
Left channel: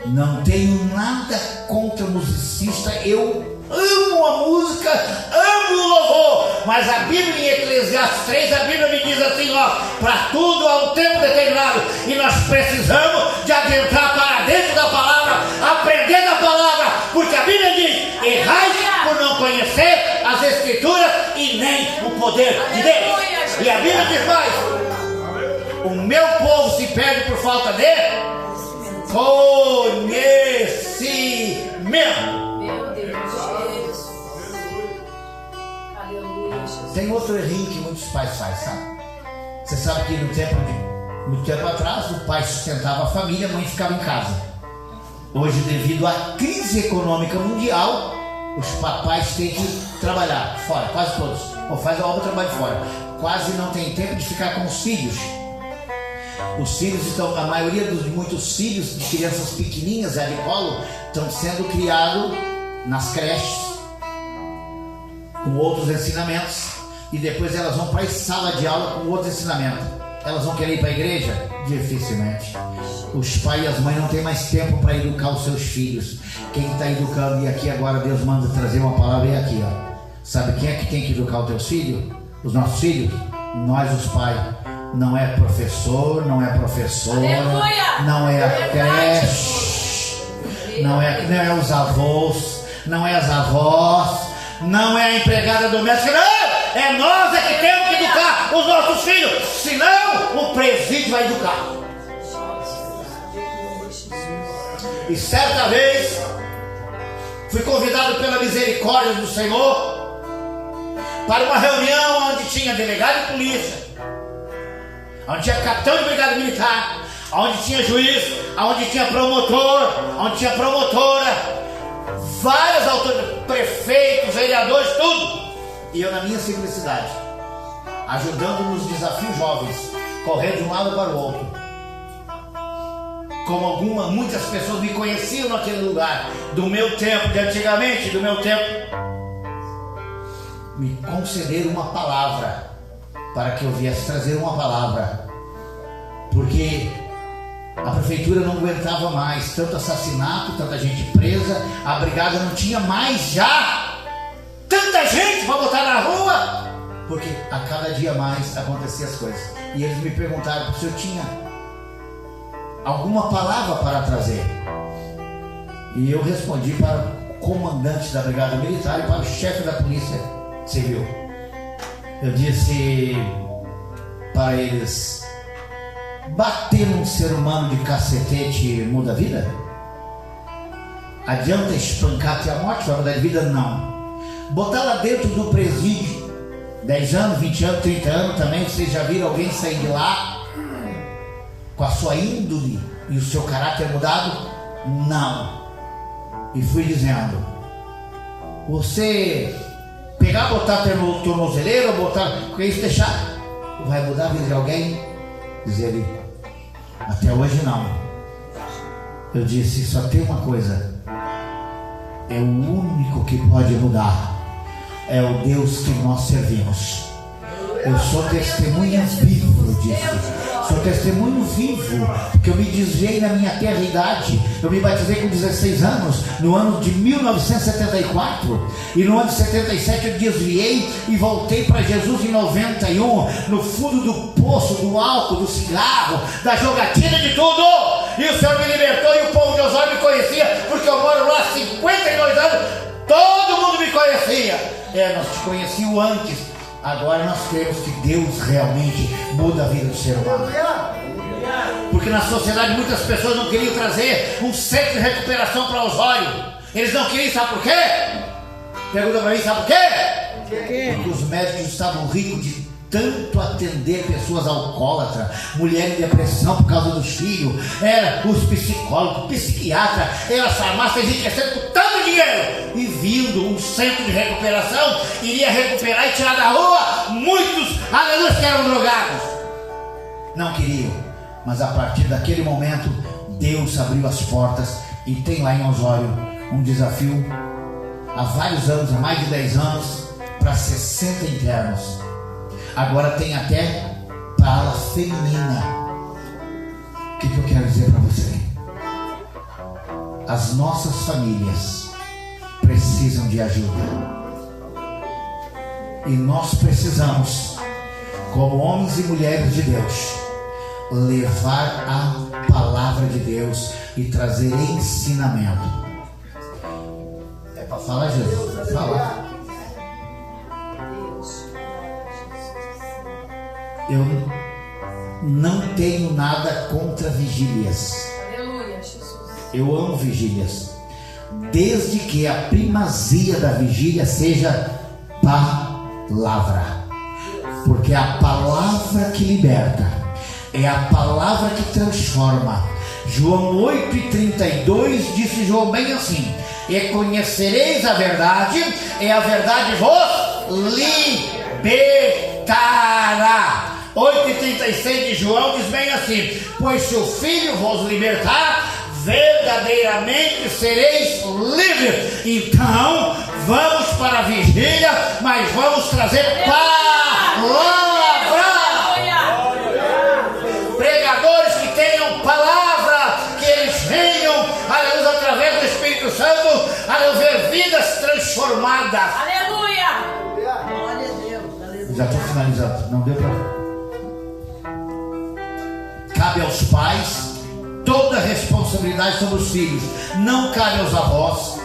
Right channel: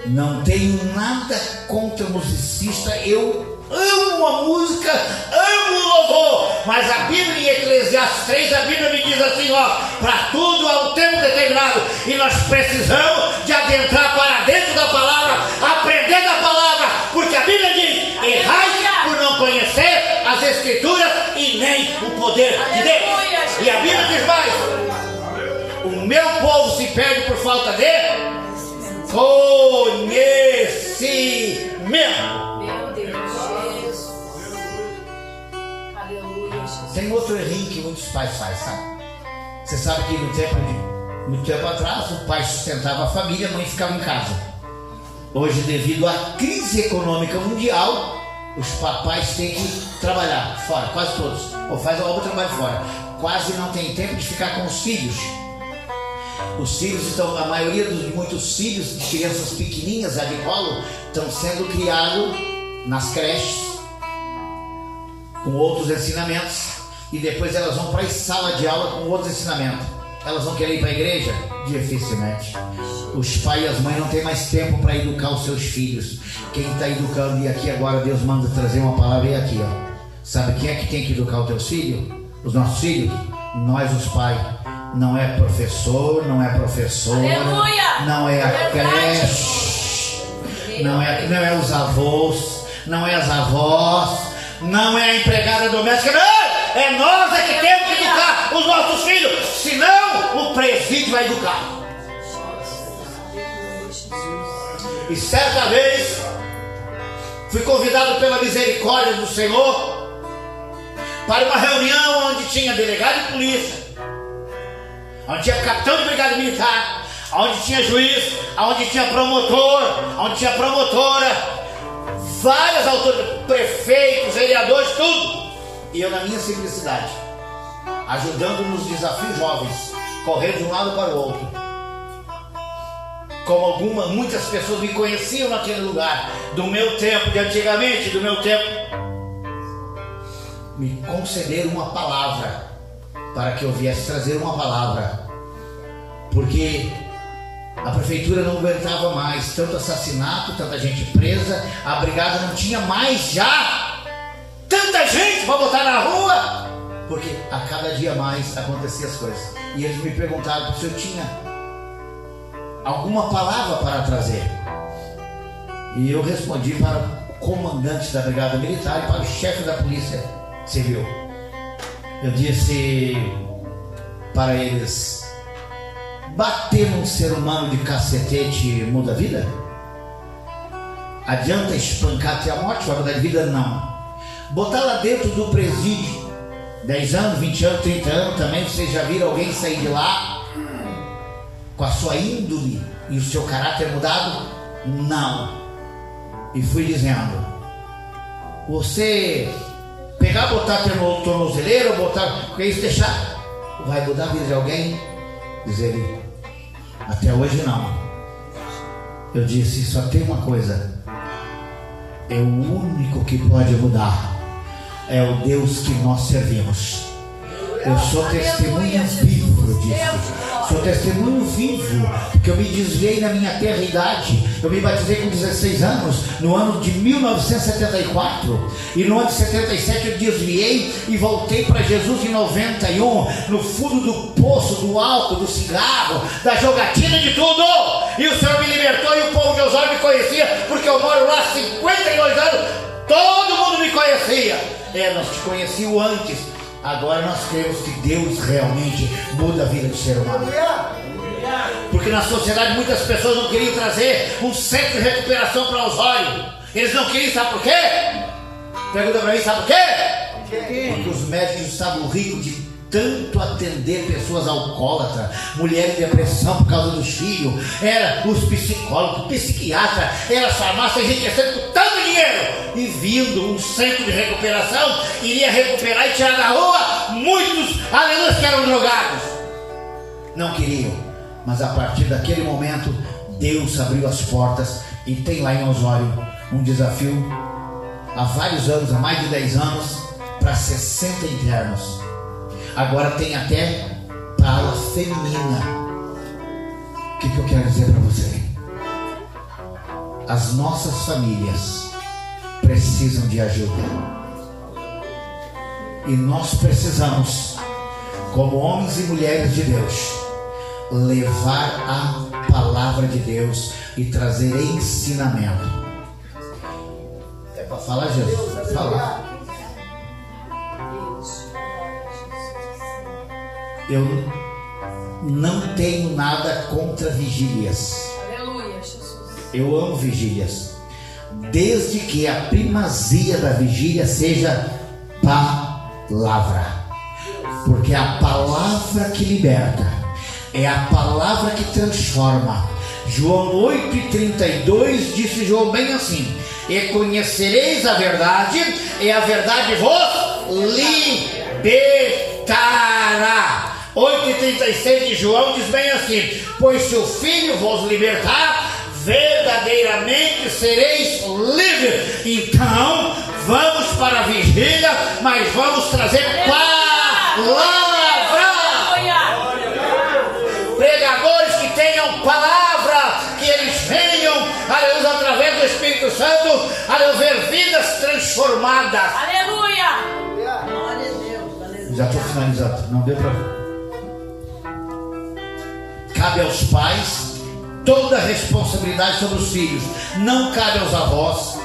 Não tenho nada contra musicista, eu amo a música, amo o louvor, mas a Bíblia em Eclesiastes 3, a Bíblia me diz assim, ó, para tudo há um tempo determinado, e nós precisamos de adentrar para dentro da palavra, aprender da palavra, porque a Bíblia diz, errais por não conhecer as Escrituras e nem o poder de Deus. E a Bíblia diz mais, o meu povo se perde por falta de conhecimento. Meu Deus, Jesus. Aleluia, Jesus. Tem outro errinho que muitos pais fazem, sabe? Você sabe que no tempo atrás o pai sustentava a família, a mãe ficava em casa. Hoje, devido à crise econômica mundial, os papais têm que trabalhar fora, quase todos, ou faz a obra trabalho fora. Quase não tem tempo de ficar com os filhos. Os filhos estão, a maioria dos muitos filhos de crianças pequenininhas, já de colo, estão sendo criados nas creches, com outros ensinamentos, e depois elas vão para a sala de aula com outros ensinamentos. Elas vão querer ir para a igreja? Dificilmente. Os pais e as mães não têm mais tempo para educar os seus filhos. Quem está educando, e aqui agora Deus manda trazer uma palavra, e aqui, ó. Sabe quem é que tem que educar os teus filhos? Os nossos filhos? Nós, os pais. Não é professor, não é professora, não é a creche, não é os avós, não é as avós, não é a empregada doméstica, não! É nós é que temos que educar os nossos filhos, senão o presídio vai educar. E certa vez fui convidado pela misericórdia do Senhor para uma reunião onde tinha delegado de polícia, onde tinha capitão de brigada militar, onde tinha juiz, onde tinha promotor, onde tinha promotora, várias autoridades, prefeitos, vereadores, tudo. E eu na minha simplicidade, ajudando nos desafios jovens, correr de um lado para o outro. Como muitas pessoas me conheciam naquele lugar, do meu tempo, de antigamente, do meu tempo, me concederam uma palavra, para que eu viesse trazer uma palavra, porque a prefeitura não aguentava mais tanto assassinato, tanta gente presa, a brigada não tinha mais já tanta gente para botar na rua, porque a cada dia mais aconteciam as coisas. E eles me perguntaram se eu tinha alguma palavra para trazer, e eu respondi para o comandante da brigada militar e para o chefe da polícia civil. Eu disse para eles: bater num ser humano de cacetete muda a vida? Adianta espancar até a morte, vai mudar de vida? Não. Botar lá dentro do presídio 10 anos, 20 anos, 30 anos também, vocês já viram alguém sair de lá com a sua índole e o seu caráter mudado? Não. E fui dizendo: você pegar, botar até no tornozeleiro, botar, porque isso deixar, vai mudar a vida de alguém? Diz ele: até hoje não. Eu disse: só tem uma coisa, é o único que pode mudar, é o Deus que nós servimos. Eu sou testemunha vivo disso. Sou testemunho vivo, porque eu me desviei na minha terra idade. Eu me batizei com 16 anos, no ano de 1974. E no ano de 77 eu desviei e voltei para Jesus em 91. No fundo do poço, do álcool, do cigarro, da jogatina, de tudo. E o Senhor me libertou e o povo de Osório me conhecia, porque eu moro lá há 52 anos. Todo mundo me conhecia. Nós te conhecíamos antes. Agora nós cremos que Deus realmente muda a vida do ser humano. Porque na sociedade muitas pessoas não queriam trazer um centro de recuperação para Osório. Eles não queriam, sabe por quê? Pergunta para mim, sabe por quê? Porque os médicos estavam ricos de tanto atender pessoas alcoólatras, mulheres em depressão por causa dos filhos, os psicólogos, psiquiatras, as farmácias enriquecendo com tanto dinheiro, e vindo um centro de recuperação, iria recuperar e tirar da rua muitos, aleluia, que eram drogados. Não queriam, mas a partir daquele momento Deus abriu as portas, e tem lá em Osório um desafio há vários anos, há mais de 10 anos, para 60 internos. Agora tem até para a ala feminina. O que eu quero dizer para você? as nossas famílias precisam de ajuda. E nós precisamos, como homens e mulheres de Deus, levar a palavra de Deus e trazer ensinamento. É para falar, Jesus? Fala. Eu não tenho nada contra vigílias. Aleluia, Jesus. Eu amo vigílias, desde que a primazia da vigília seja palavra, porque é a palavra que liberta, é a palavra que transforma. João 8,32 disse João bem assim: e conhecereis a verdade, e a verdade vos libertará. 8,36 de João diz bem assim: pois se o Filho vos libertar, verdadeiramente sereis livres. Então vamos para a vigília, mas vamos trazer palavra. Pregadores que tenham palavra, que eles venham a Deus através do Espírito Santo a ver vidas transformadas. Aleluia. Glória a Deus. Aleluia. Já estou finalizando, não deu para. Cabe aos pais toda a responsabilidade sobre os filhos. Não cabe aos avós,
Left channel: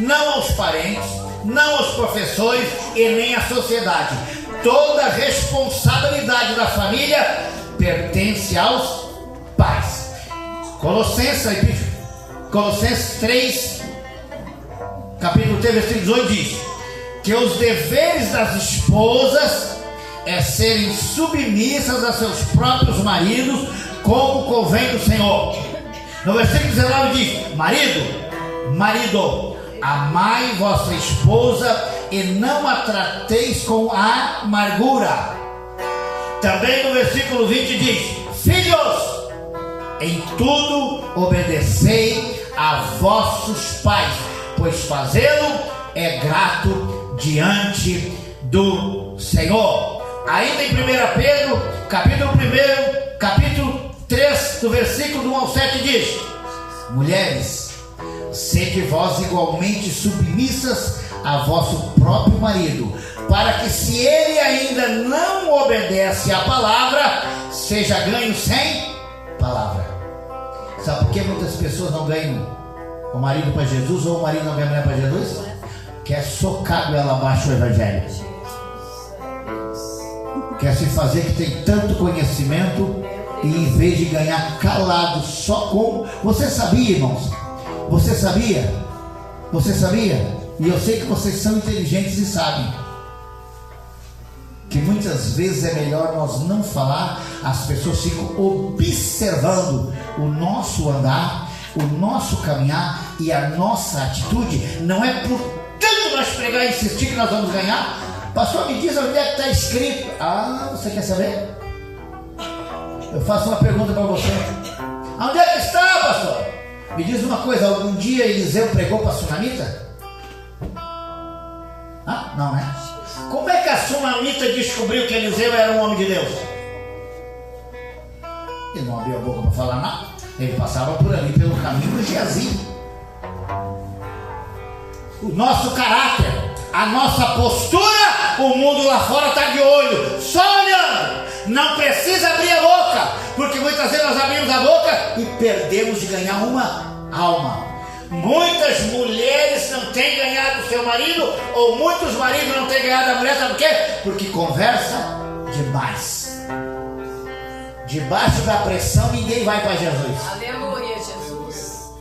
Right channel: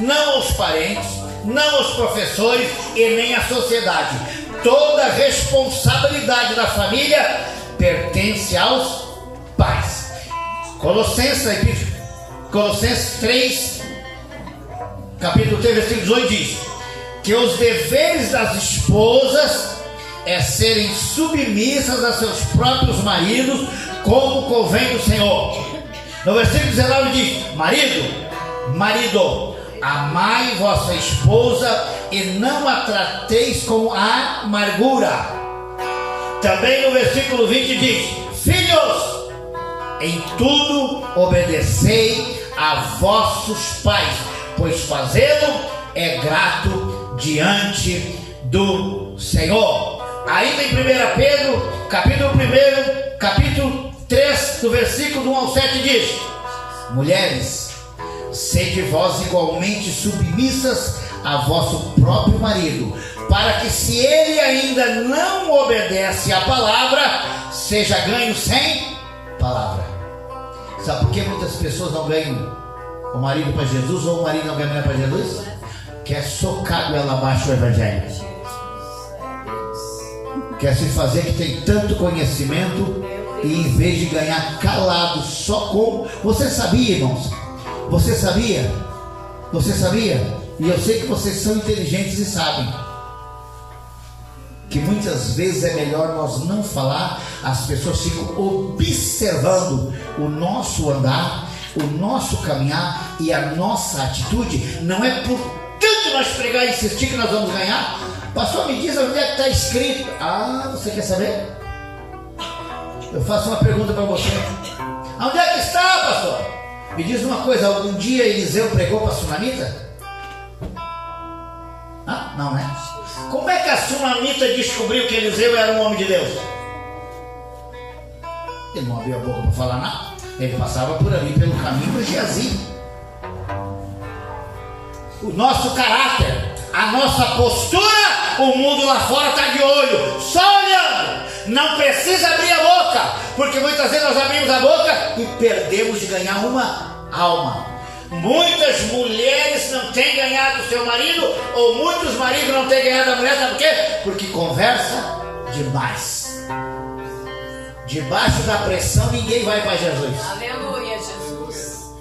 não aos parentes, não aos professores e nem à sociedade. Toda a responsabilidade da família pertence aos pais. Colossenses 3, capítulo 3, versículo 18 diz que os deveres das esposas é serem submissas a seus próprios maridos, como convém do Senhor. No versículo 19 diz: marido, amai vossa esposa e não a trateis com amargura. Também no versículo 20 diz: filhos, em tudo obedecei a vossos pais, pois fazê-lo é grato diante do Senhor. Ainda em 1 Pedro, capítulo 1, capítulo 3, do versículo 1 ao 7 diz: mulheres, sede vós igualmente submissas a vosso próprio marido, para que, se ele ainda não obedece à palavra, seja ganho sem palavra. Sabe por que muitas pessoas não ganham o marido para Jesus, ou o marido não ganha a mulher para Jesus? Quer socar ela abaixo do evangelho, quer se fazer que tem tanto conhecimento, e em vez de ganhar calado só com... Você sabia, irmãos? Você sabia? E eu sei que vocês são inteligentes e sabem que muitas vezes é melhor nós não falar. As pessoas ficam observando o nosso andar, o nosso caminhar e a nossa atitude. Não é por tanto nós pregar e insistir que nós vamos ganhar. Pastor, me diz onde é que está escrito. Ah, você quer saber? Eu faço uma pergunta para você. Onde é que está, pastor? Me diz uma coisa: algum dia Eliseu pregou para a sunamita? Ah, não, né? Como é que a sunamita descobriu que Eliseu era um homem de Deus? Ele não abriu a boca para falar nada. Ele passava por ali pelo caminho do Geazi. O nosso caráter, a nossa postura, o mundo lá fora está de olho, só olhando. Não precisa abrir a boca, porque muitas vezes nós abrimos a boca e perdemos de ganhar uma alma. Muitas mulheres não têm ganhado o seu marido, ou muitos maridos não têm ganhado a mulher, sabe por quê? Porque conversa demais. Debaixo da pressão ninguém vai para Jesus. Aleluia, Jesus.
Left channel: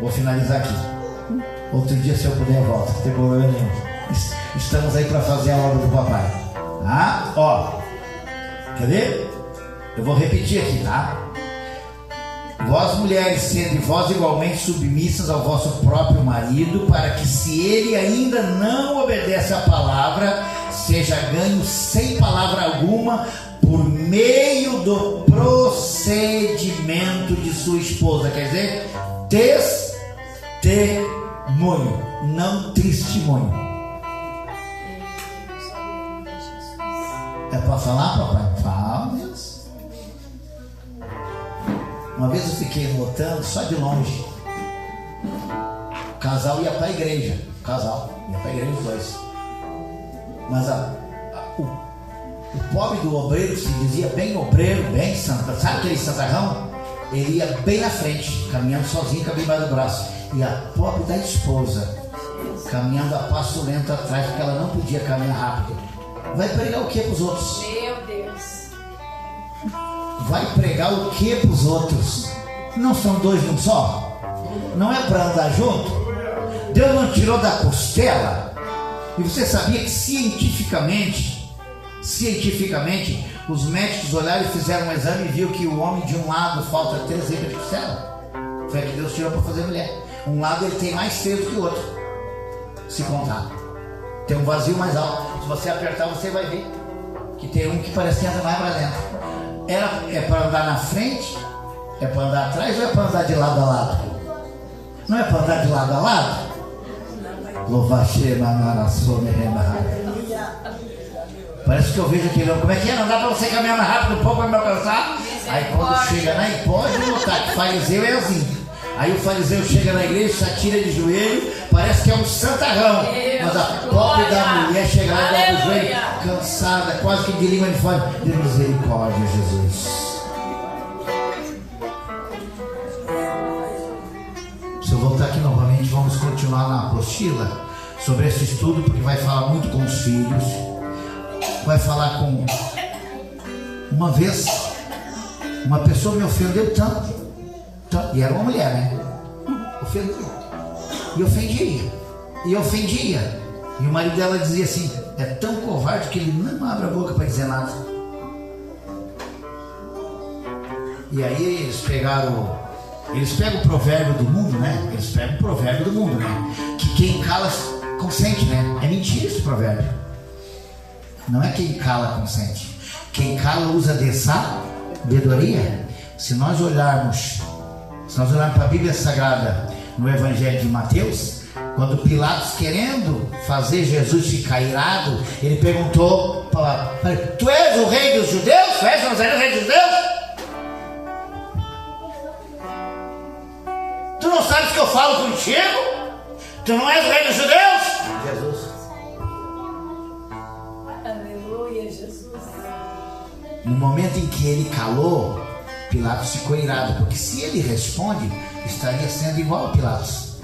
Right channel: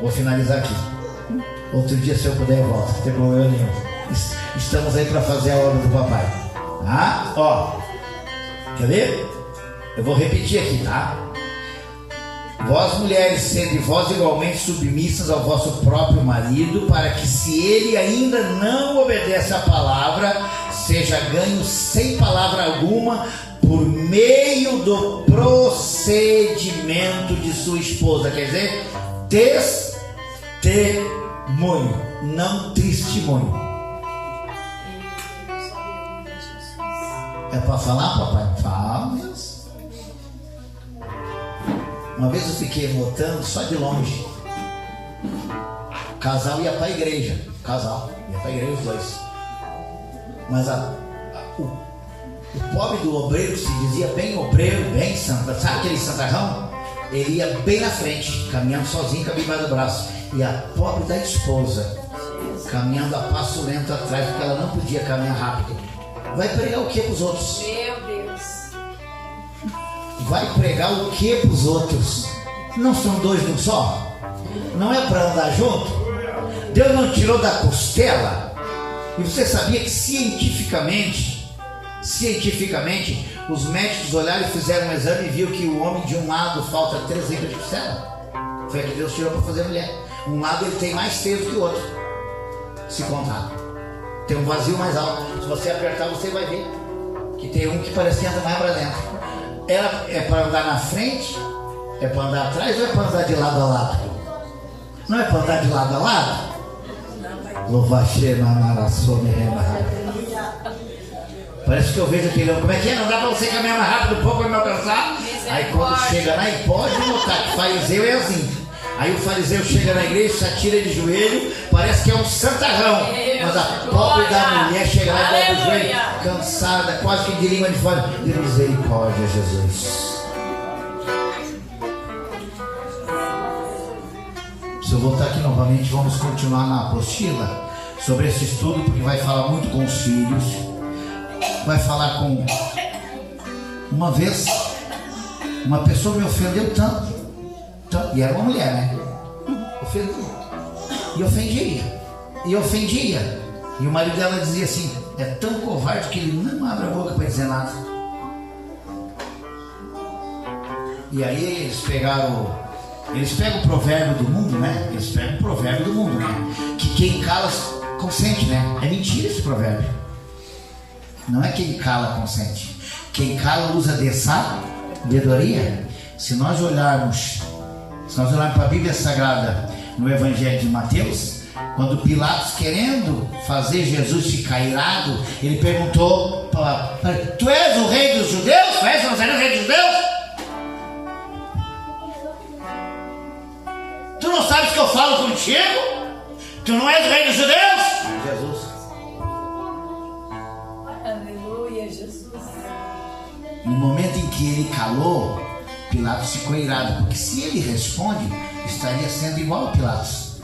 Vou finalizar aqui. Outro dia, se eu puder, eu volto. Não tem problema nenhum. Estamos aí para fazer a obra do papai. Tá? Ó. Quer ver? Eu vou repetir aqui, tá? Vós, mulheres, sede vós igualmente submissas ao vosso próprio marido, para que, se ele ainda não obedece à palavra, seja ganho sem palavra alguma, por meio do procedimento de sua esposa. Quer dizer, testemunho, não testemunho. É para falar, papai? Fala. Uma vez eu fiquei notando, só de longe, o casal ia para a igreja. O casal ia para a igreja, os dois. Mas o pobre do obreiro, que se dizia bem obreiro, bem santa, sabe aquele santarrão? Ele ia bem na frente, caminhando sozinho, caminhando embaixo do braço. E a pobre da esposa, caminhando a passo lento atrás, porque ela não podia caminhar rápido. Vai pregar o que para os outros? Meu Deus. Vai pregar o que para os outros? Não são dois num só? Não é para andar junto? Deus não tirou da costela? E você sabia que cientificamente, os médicos olharam e fizeram um exame e viu que o homem de um lado falta 3 libras de costela? Foi que Deus tirou para fazer a mulher. Um lado ele tem mais peso que o outro, se contar. Tem um vazio mais alto. Se você apertar, você vai ver que tem um que parece andar mais para dentro. É para andar na frente? É para andar atrás ou é para andar de lado a lado? Não é para andar de lado a lado? Parece que eu vejo aquele homem. Como é que é? Não dá para você caminhar mais rápido, um pouco vai me alcançar. Aí quando chega lá, e pode notar que fariseu é assim. Aí o fariseu chega na igreja, se atira de joelho, parece que é um santarrão. Mas a pobre da mulher chega lá e dá o joelho, cansada, quase que de língua de fora. De misericórdia, Jesus. Se eu voltar aqui novamente, vamos continuar na apostila sobre esse estudo, porque vai falar muito com os filhos. Vai falar com... Uma vez, uma pessoa me ofendeu tanto. E era uma mulher, né? Ofendeu. E ofendia. E o marido dela dizia assim: é tão covarde que ele não abre a boca para dizer nada. E aí eles pegam o provérbio do mundo, né? Que quem cala consente, né? É mentira esse provérbio. Não é quem cala consente. Quem cala usa de sabedoria. Se nós olharmos para a Bíblia Sagrada no Evangelho de Mateus, quando Pilatos, querendo fazer Jesus ficar irado, ele perguntou para tu és o rei dos judeus? Tu és o rei dos judeus? Tu não sabes que eu falo contigo? Tu não és o rei dos judeus? Jesus. Aleluia, Jesus. No momento em que ele calou, Pilatos ficou irado, porque se ele responde, estaria sendo igual a Pilatos.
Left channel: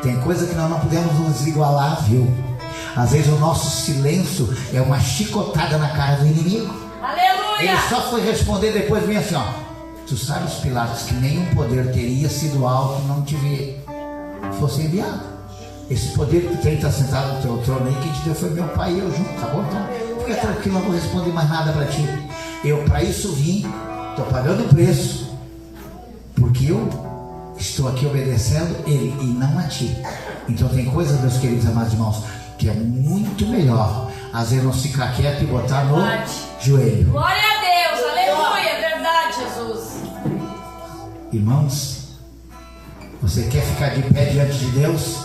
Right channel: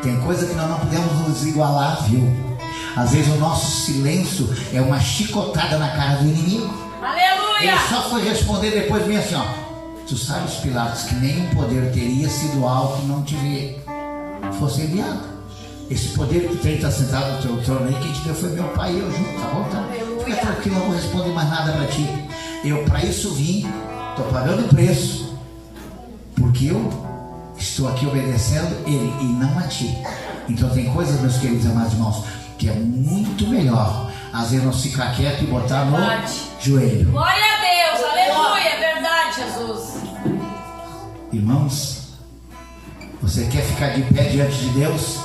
Tem coisa que nós não podemos nos igualar, viu? Às vezes o nosso silêncio é uma chicotada na cara do inimigo. Aleluia! Ele só foi responder depois, bem assim, ó: tu sabes, Pilatos, que nenhum poder teria sido alto não te fosse enviado. Esse poder que tem está sentado no teu trono aí, quem te deu foi meu pai e eu junto, tá bom? Então, fica tranquilo, não vou responder mais nada para ti. Eu para isso vim. Estou pagando o preço, porque eu estou aqui obedecendo ele e não a ti. Então tem coisas, meus queridos amados irmãos, que é muito melhor às vezes nós ficar quieto e botar no joelho. Glória a Deus, aleluia, é verdade, Jesus. Irmãos, você quer ficar de pé diante de Deus?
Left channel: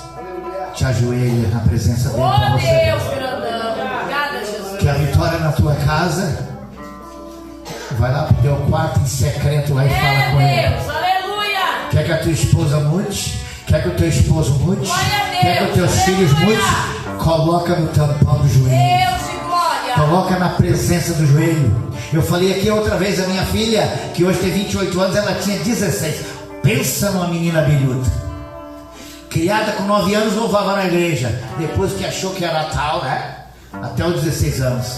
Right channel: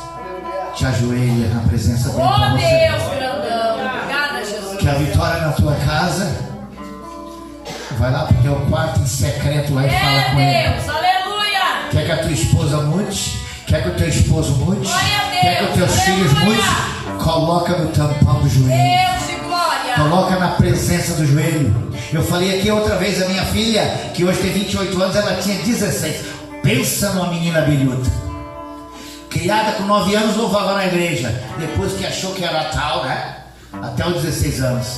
Te ajoelha na presença dele para você. Deus, grandão, obrigada, Jesus. Quer a vitória na tua casa? Vai lá pro teu quarto em secreto lá e fala com ele. Deus, aleluia. Quer que a tua esposa mude? Quer que o teu esposo mude? Quer que os teus filhos mudem? Coloca no tampão do joelho. Deus de glória. Coloca na presença do joelho. Eu falei aqui outra vez a minha filha, que hoje tem 28 anos, ela tinha 16. Pensa numa menina bilhuda. Criada com 9 anos, louvava na igreja. Depois que achou que era tal, né? Até os 16 anos.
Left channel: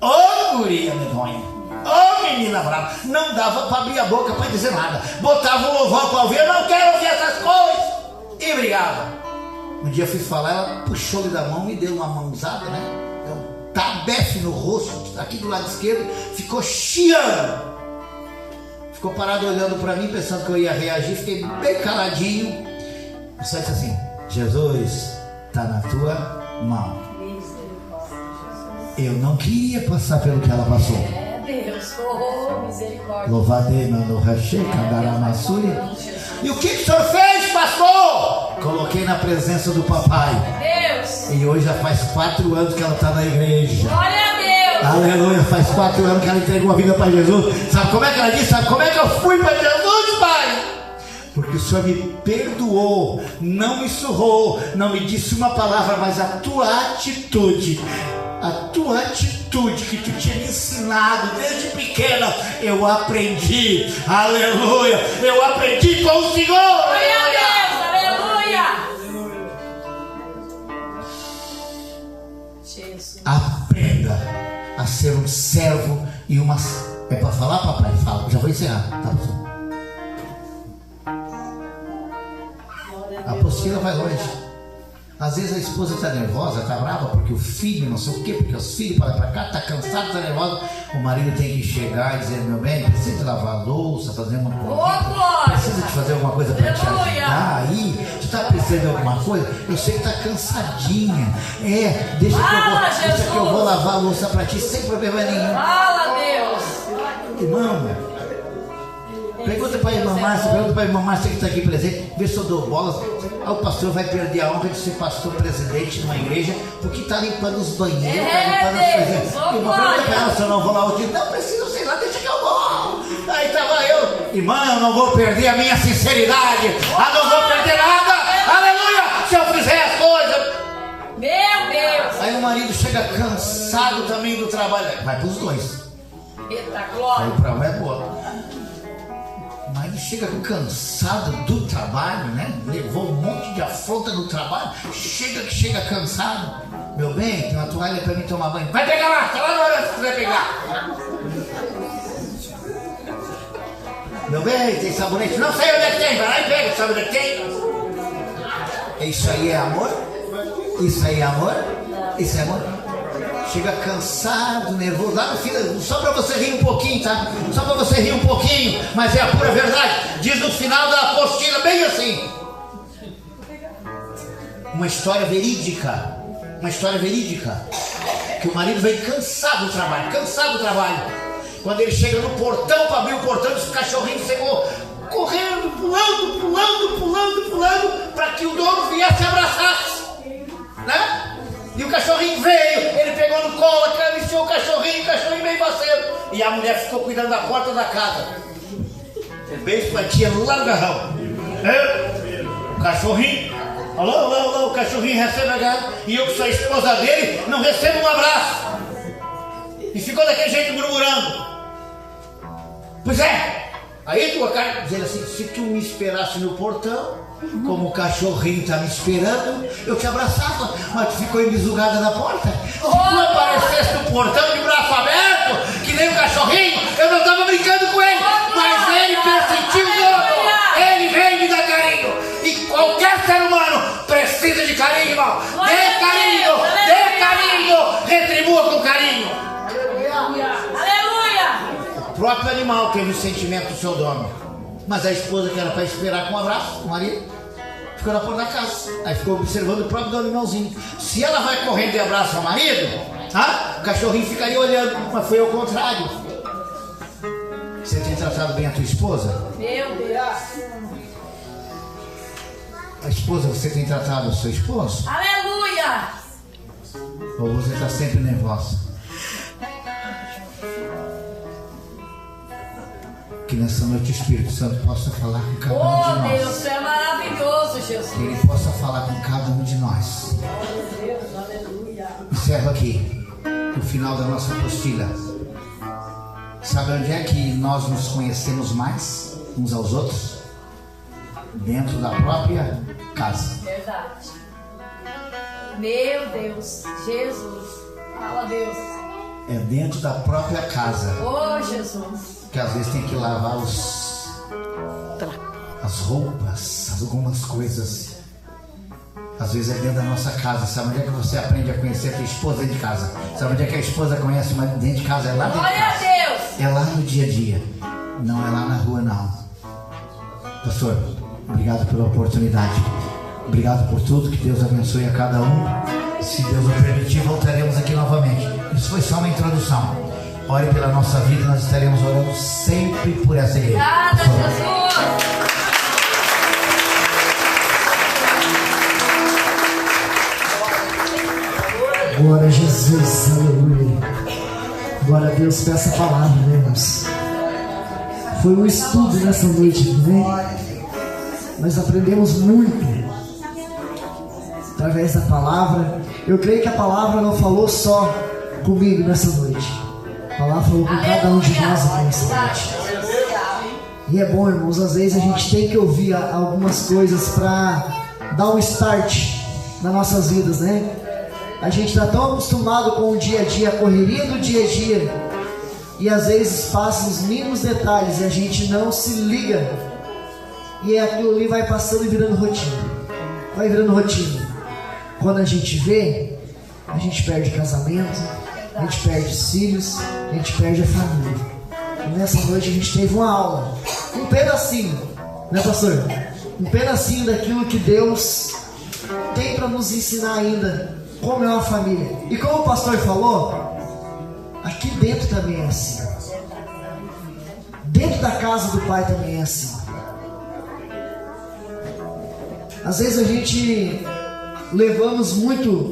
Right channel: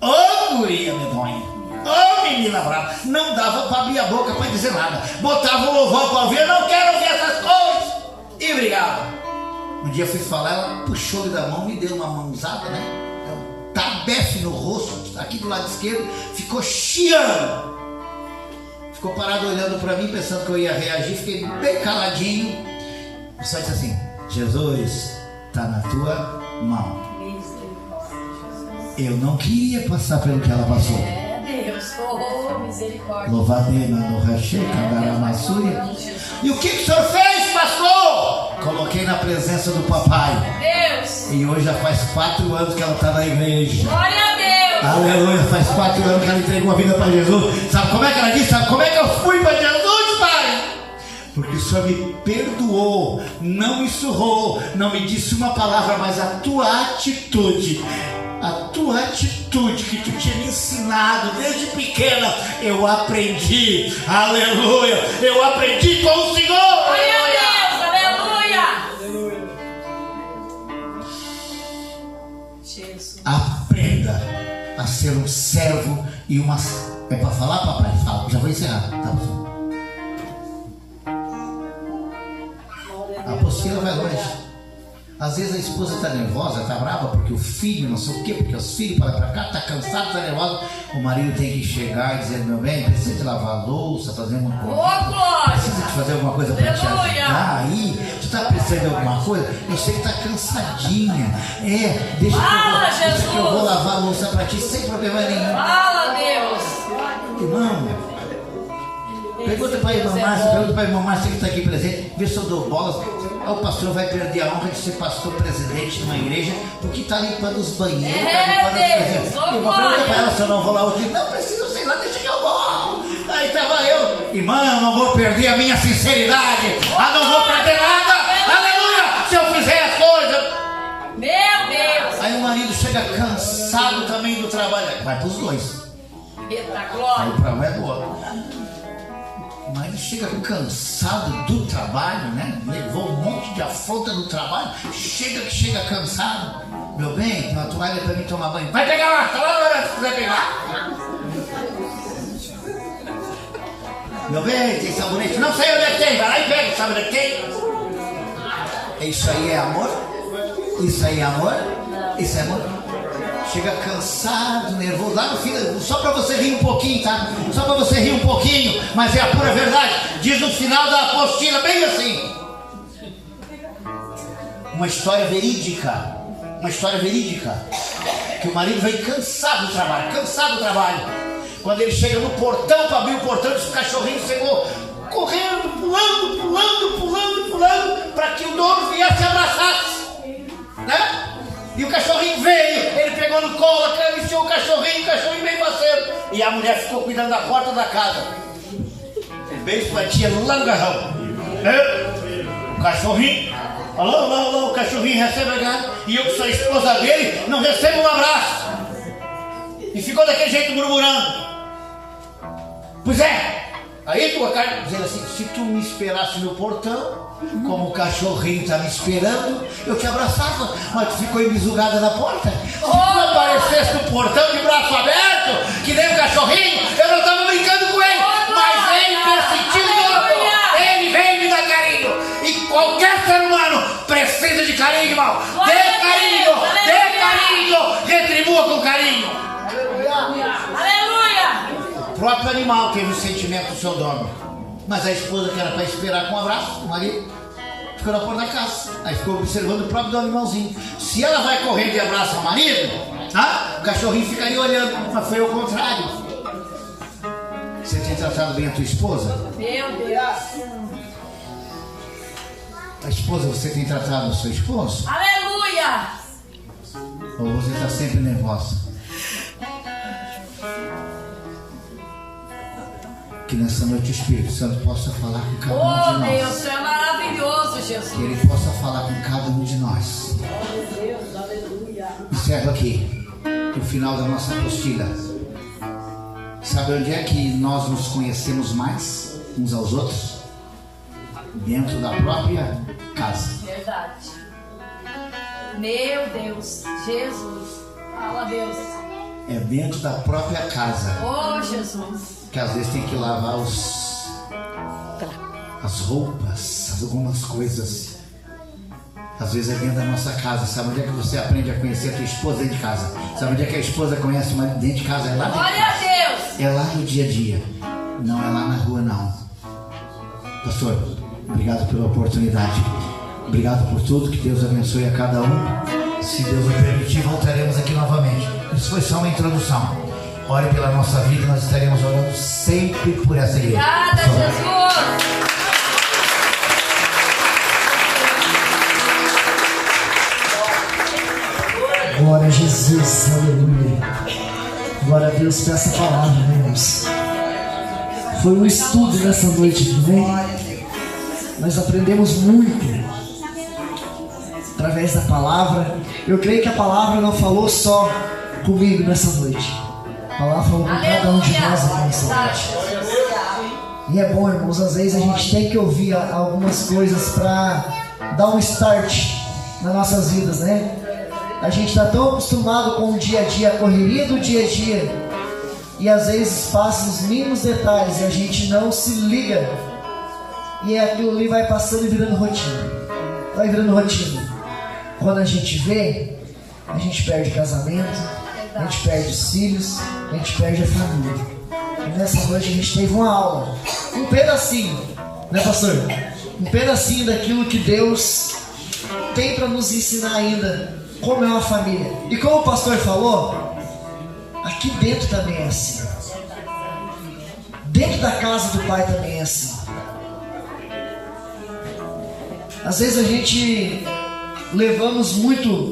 Ô, guria medonha. Ô, menina brava. Não dava para abrir a boca para dizer nada. Botava um louvor para ouvir. Eu não quero ouvir essas coisas. E brigava. Um dia eu fui falar, ela puxou-lhe da mão, me deu uma mãozada, né? Um tabefe no rosto, aqui do lado esquerdo. Ficou chiando. Ficou parado olhando para mim, pensando que eu ia reagir. Fiquei bem caladinho. Eu só disse assim: Jesus está na tua mão. Eu não queria passar pelo que ela passou. Deus, oh, misericórdia. Louvado no recheio, candará na súria. E o que o senhor fez, pastor? Coloquei na presença do papai. Deus. E hoje já faz 4 anos que ela está na igreja. Glória a Deus. Aleluia, faz 4 anos que ela entregou a vida para Jesus. Sabe como é que ela disse? Sabe como é que eu fui para Jesus? Senhor me perdoou, não me surrou, não me disse uma palavra, mas a tua atitude que tu tinha me ensinado desde pequena, eu aprendi. Aleluia, eu aprendi com o Senhor. Glória a Deus, aleluia. Jesus. Aprenda a ser um servo e uma... É para falar, papai? Fala, já vou encerrar. Tá? A apostila vai longe. Às vezes a esposa está nervosa, está brava porque o filho, não sei o quê, porque os filhos para lá para cá, está cansado, está nervoso. O marido tem que chegar e dizer: meu bem, precisa de lavar a louça, fazer uma coisa, precisa de fazer alguma coisa para te ajudar aí, tu está precisando de alguma coisa, eu sei que está cansadinha, deixa que eu vou lavar a louça para ti sem problema nenhum. Fala, Deus. Irmão, pergunta para a irmã Márcia que está aqui presente, vê se eu dou bolas. O pastor vai perder a honra de ser pastor presidente de uma igreja, porque está limpando os banheiros, está limpando as coisas. Irmã, pergunta para ela se eu não vou lá hoje. Não preciso, sei lá, deixa que eu vou. Aí estava eu, irmã, eu não vou perder a minha sinceridade, não vou perder nada, aleluia, se eu fizer as coisas. Meu Deus. Aí o marido chega cansado também do trabalho, vai para os dois. Eita glória. Aí para um é do outro. Mas ele chega cansado do trabalho, né? Levou um monte de afronta do trabalho. Chega cansado. Meu bem, tem uma toalha para mim tomar banho. Vai pegar lá, tá lá na hora que você vai pegar. Meu bem, tem sabonete? Não sei onde é que tem, vai lá e pega, sabe onde é que tem? Isso aí é amor? Isso aí é amor? Isso é amor? Chega cansado, nervoso, lá no fim, só para você rir um pouquinho, tá? Só para você rir um pouquinho, mas é a pura verdade. Diz no final da apostila, bem assim. Uma história verídica. Que o marido veio cansado do trabalho. Quando ele chega no portão, para abrir o portão, esse cachorrinho chegou correndo, pulando, para que o dono viesse abraçar, né? E o cachorrinho veio, ele pegou no colo, acariciou o cachorrinho meio faceiro. E a mulher ficou cuidando da porta da casa. Beijo pra tia lá no garrão. O cachorrinho, alô, o cachorrinho recebe a garra. E eu, que sou a esposa dele, não recebo um abraço. E ficou daquele jeito murmurando. Pois é. Aí tu acaba dizendo assim: se tu me esperasse no portão, como o cachorrinho está me esperando, eu te abraçava, mas tu ficou embisugada na porta. Se tu aparecesse no portão de braço aberto, que nem o cachorrinho, eu não estava brincando com ele, mas ele persentiu todo, ele veio me dar carinho. E qualquer ser humano precisa de carinho, irmão. Dê carinho, retribua com carinho. Aleluia. O próprio animal teve o sentimento do seu dono. Mas a esposa, que era para esperar com um abraço, o marido, ficou na porta da casa. Aí ficou observando o próprio animalzinho. Se ela vai correndo e abraça o marido, o cachorrinho ficaria olhando, mas foi ao contrário. Você tem tratado bem a tua esposa? Meu Deus. A esposa, você tem tratado o seu esposo? Aleluia. Ou você está sempre nervosa? Que nessa noite o Espírito Santo possa falar com cada um de nós. Deus, tu é maravilhoso, Jesus. Que Ele possa falar com cada um de nós. Encerro aqui o final da nossa apostila. Sabe onde é que nós nos conhecemos mais uns aos outros? Dentro da própria casa. Verdade. Meu Deus, Jesus. Fala, Deus. É dentro da própria casa. Oh, Jesus. Que às vezes tem que lavar as roupas, algumas coisas. Às vezes é dentro da nossa casa. Sabe onde é que você aprende a conhecer a tua esposa dentro de casa? Sabe onde é que a esposa conhece o marido dentro de casa? É lá dentro de casa. Glória a Deus. É lá no dia a dia. Não é lá na rua, não. Pastor, obrigado pela oportunidade. Obrigado por tudo. Que Deus abençoe a cada um. Se Deus nos permitir, voltaremos aqui novamente. Isso foi só uma introdução. Ore pela nossa vida, nós estaremos orando sempre por essa igreja. Obrigada, Jesus. Glória a Jesus, aleluia. Glória a Deus por essa palavra, irmãos. Foi um estudo nessa noite, amém? Nós aprendemos muito através da palavra. Eu creio que a palavra não falou só comigo nessa noite. A palavra falou com cada um de nós aqui nessa noite. E é bom, irmãos, às vezes a gente tem que ouvir algumas coisas para dar um start nas nossas vidas, né? A gente está tão acostumado com o dia a dia, a correria do dia a dia, e às vezes passa os mínimos detalhes e a gente não se liga, e aquilo ali vai passando e virando rotina. Vai virando rotina. Quando a gente vê, a gente perde o casamento, a gente perde os filhos, a gente perde a família. E nessa noite a gente teve uma aula, um pedacinho, né, pastor? Um pedacinho daquilo que Deus tem para nos ensinar ainda, como é uma família. E como o pastor falou, aqui dentro também é assim. Dentro da casa do Pai também é assim. Às vezes a gente levamos muito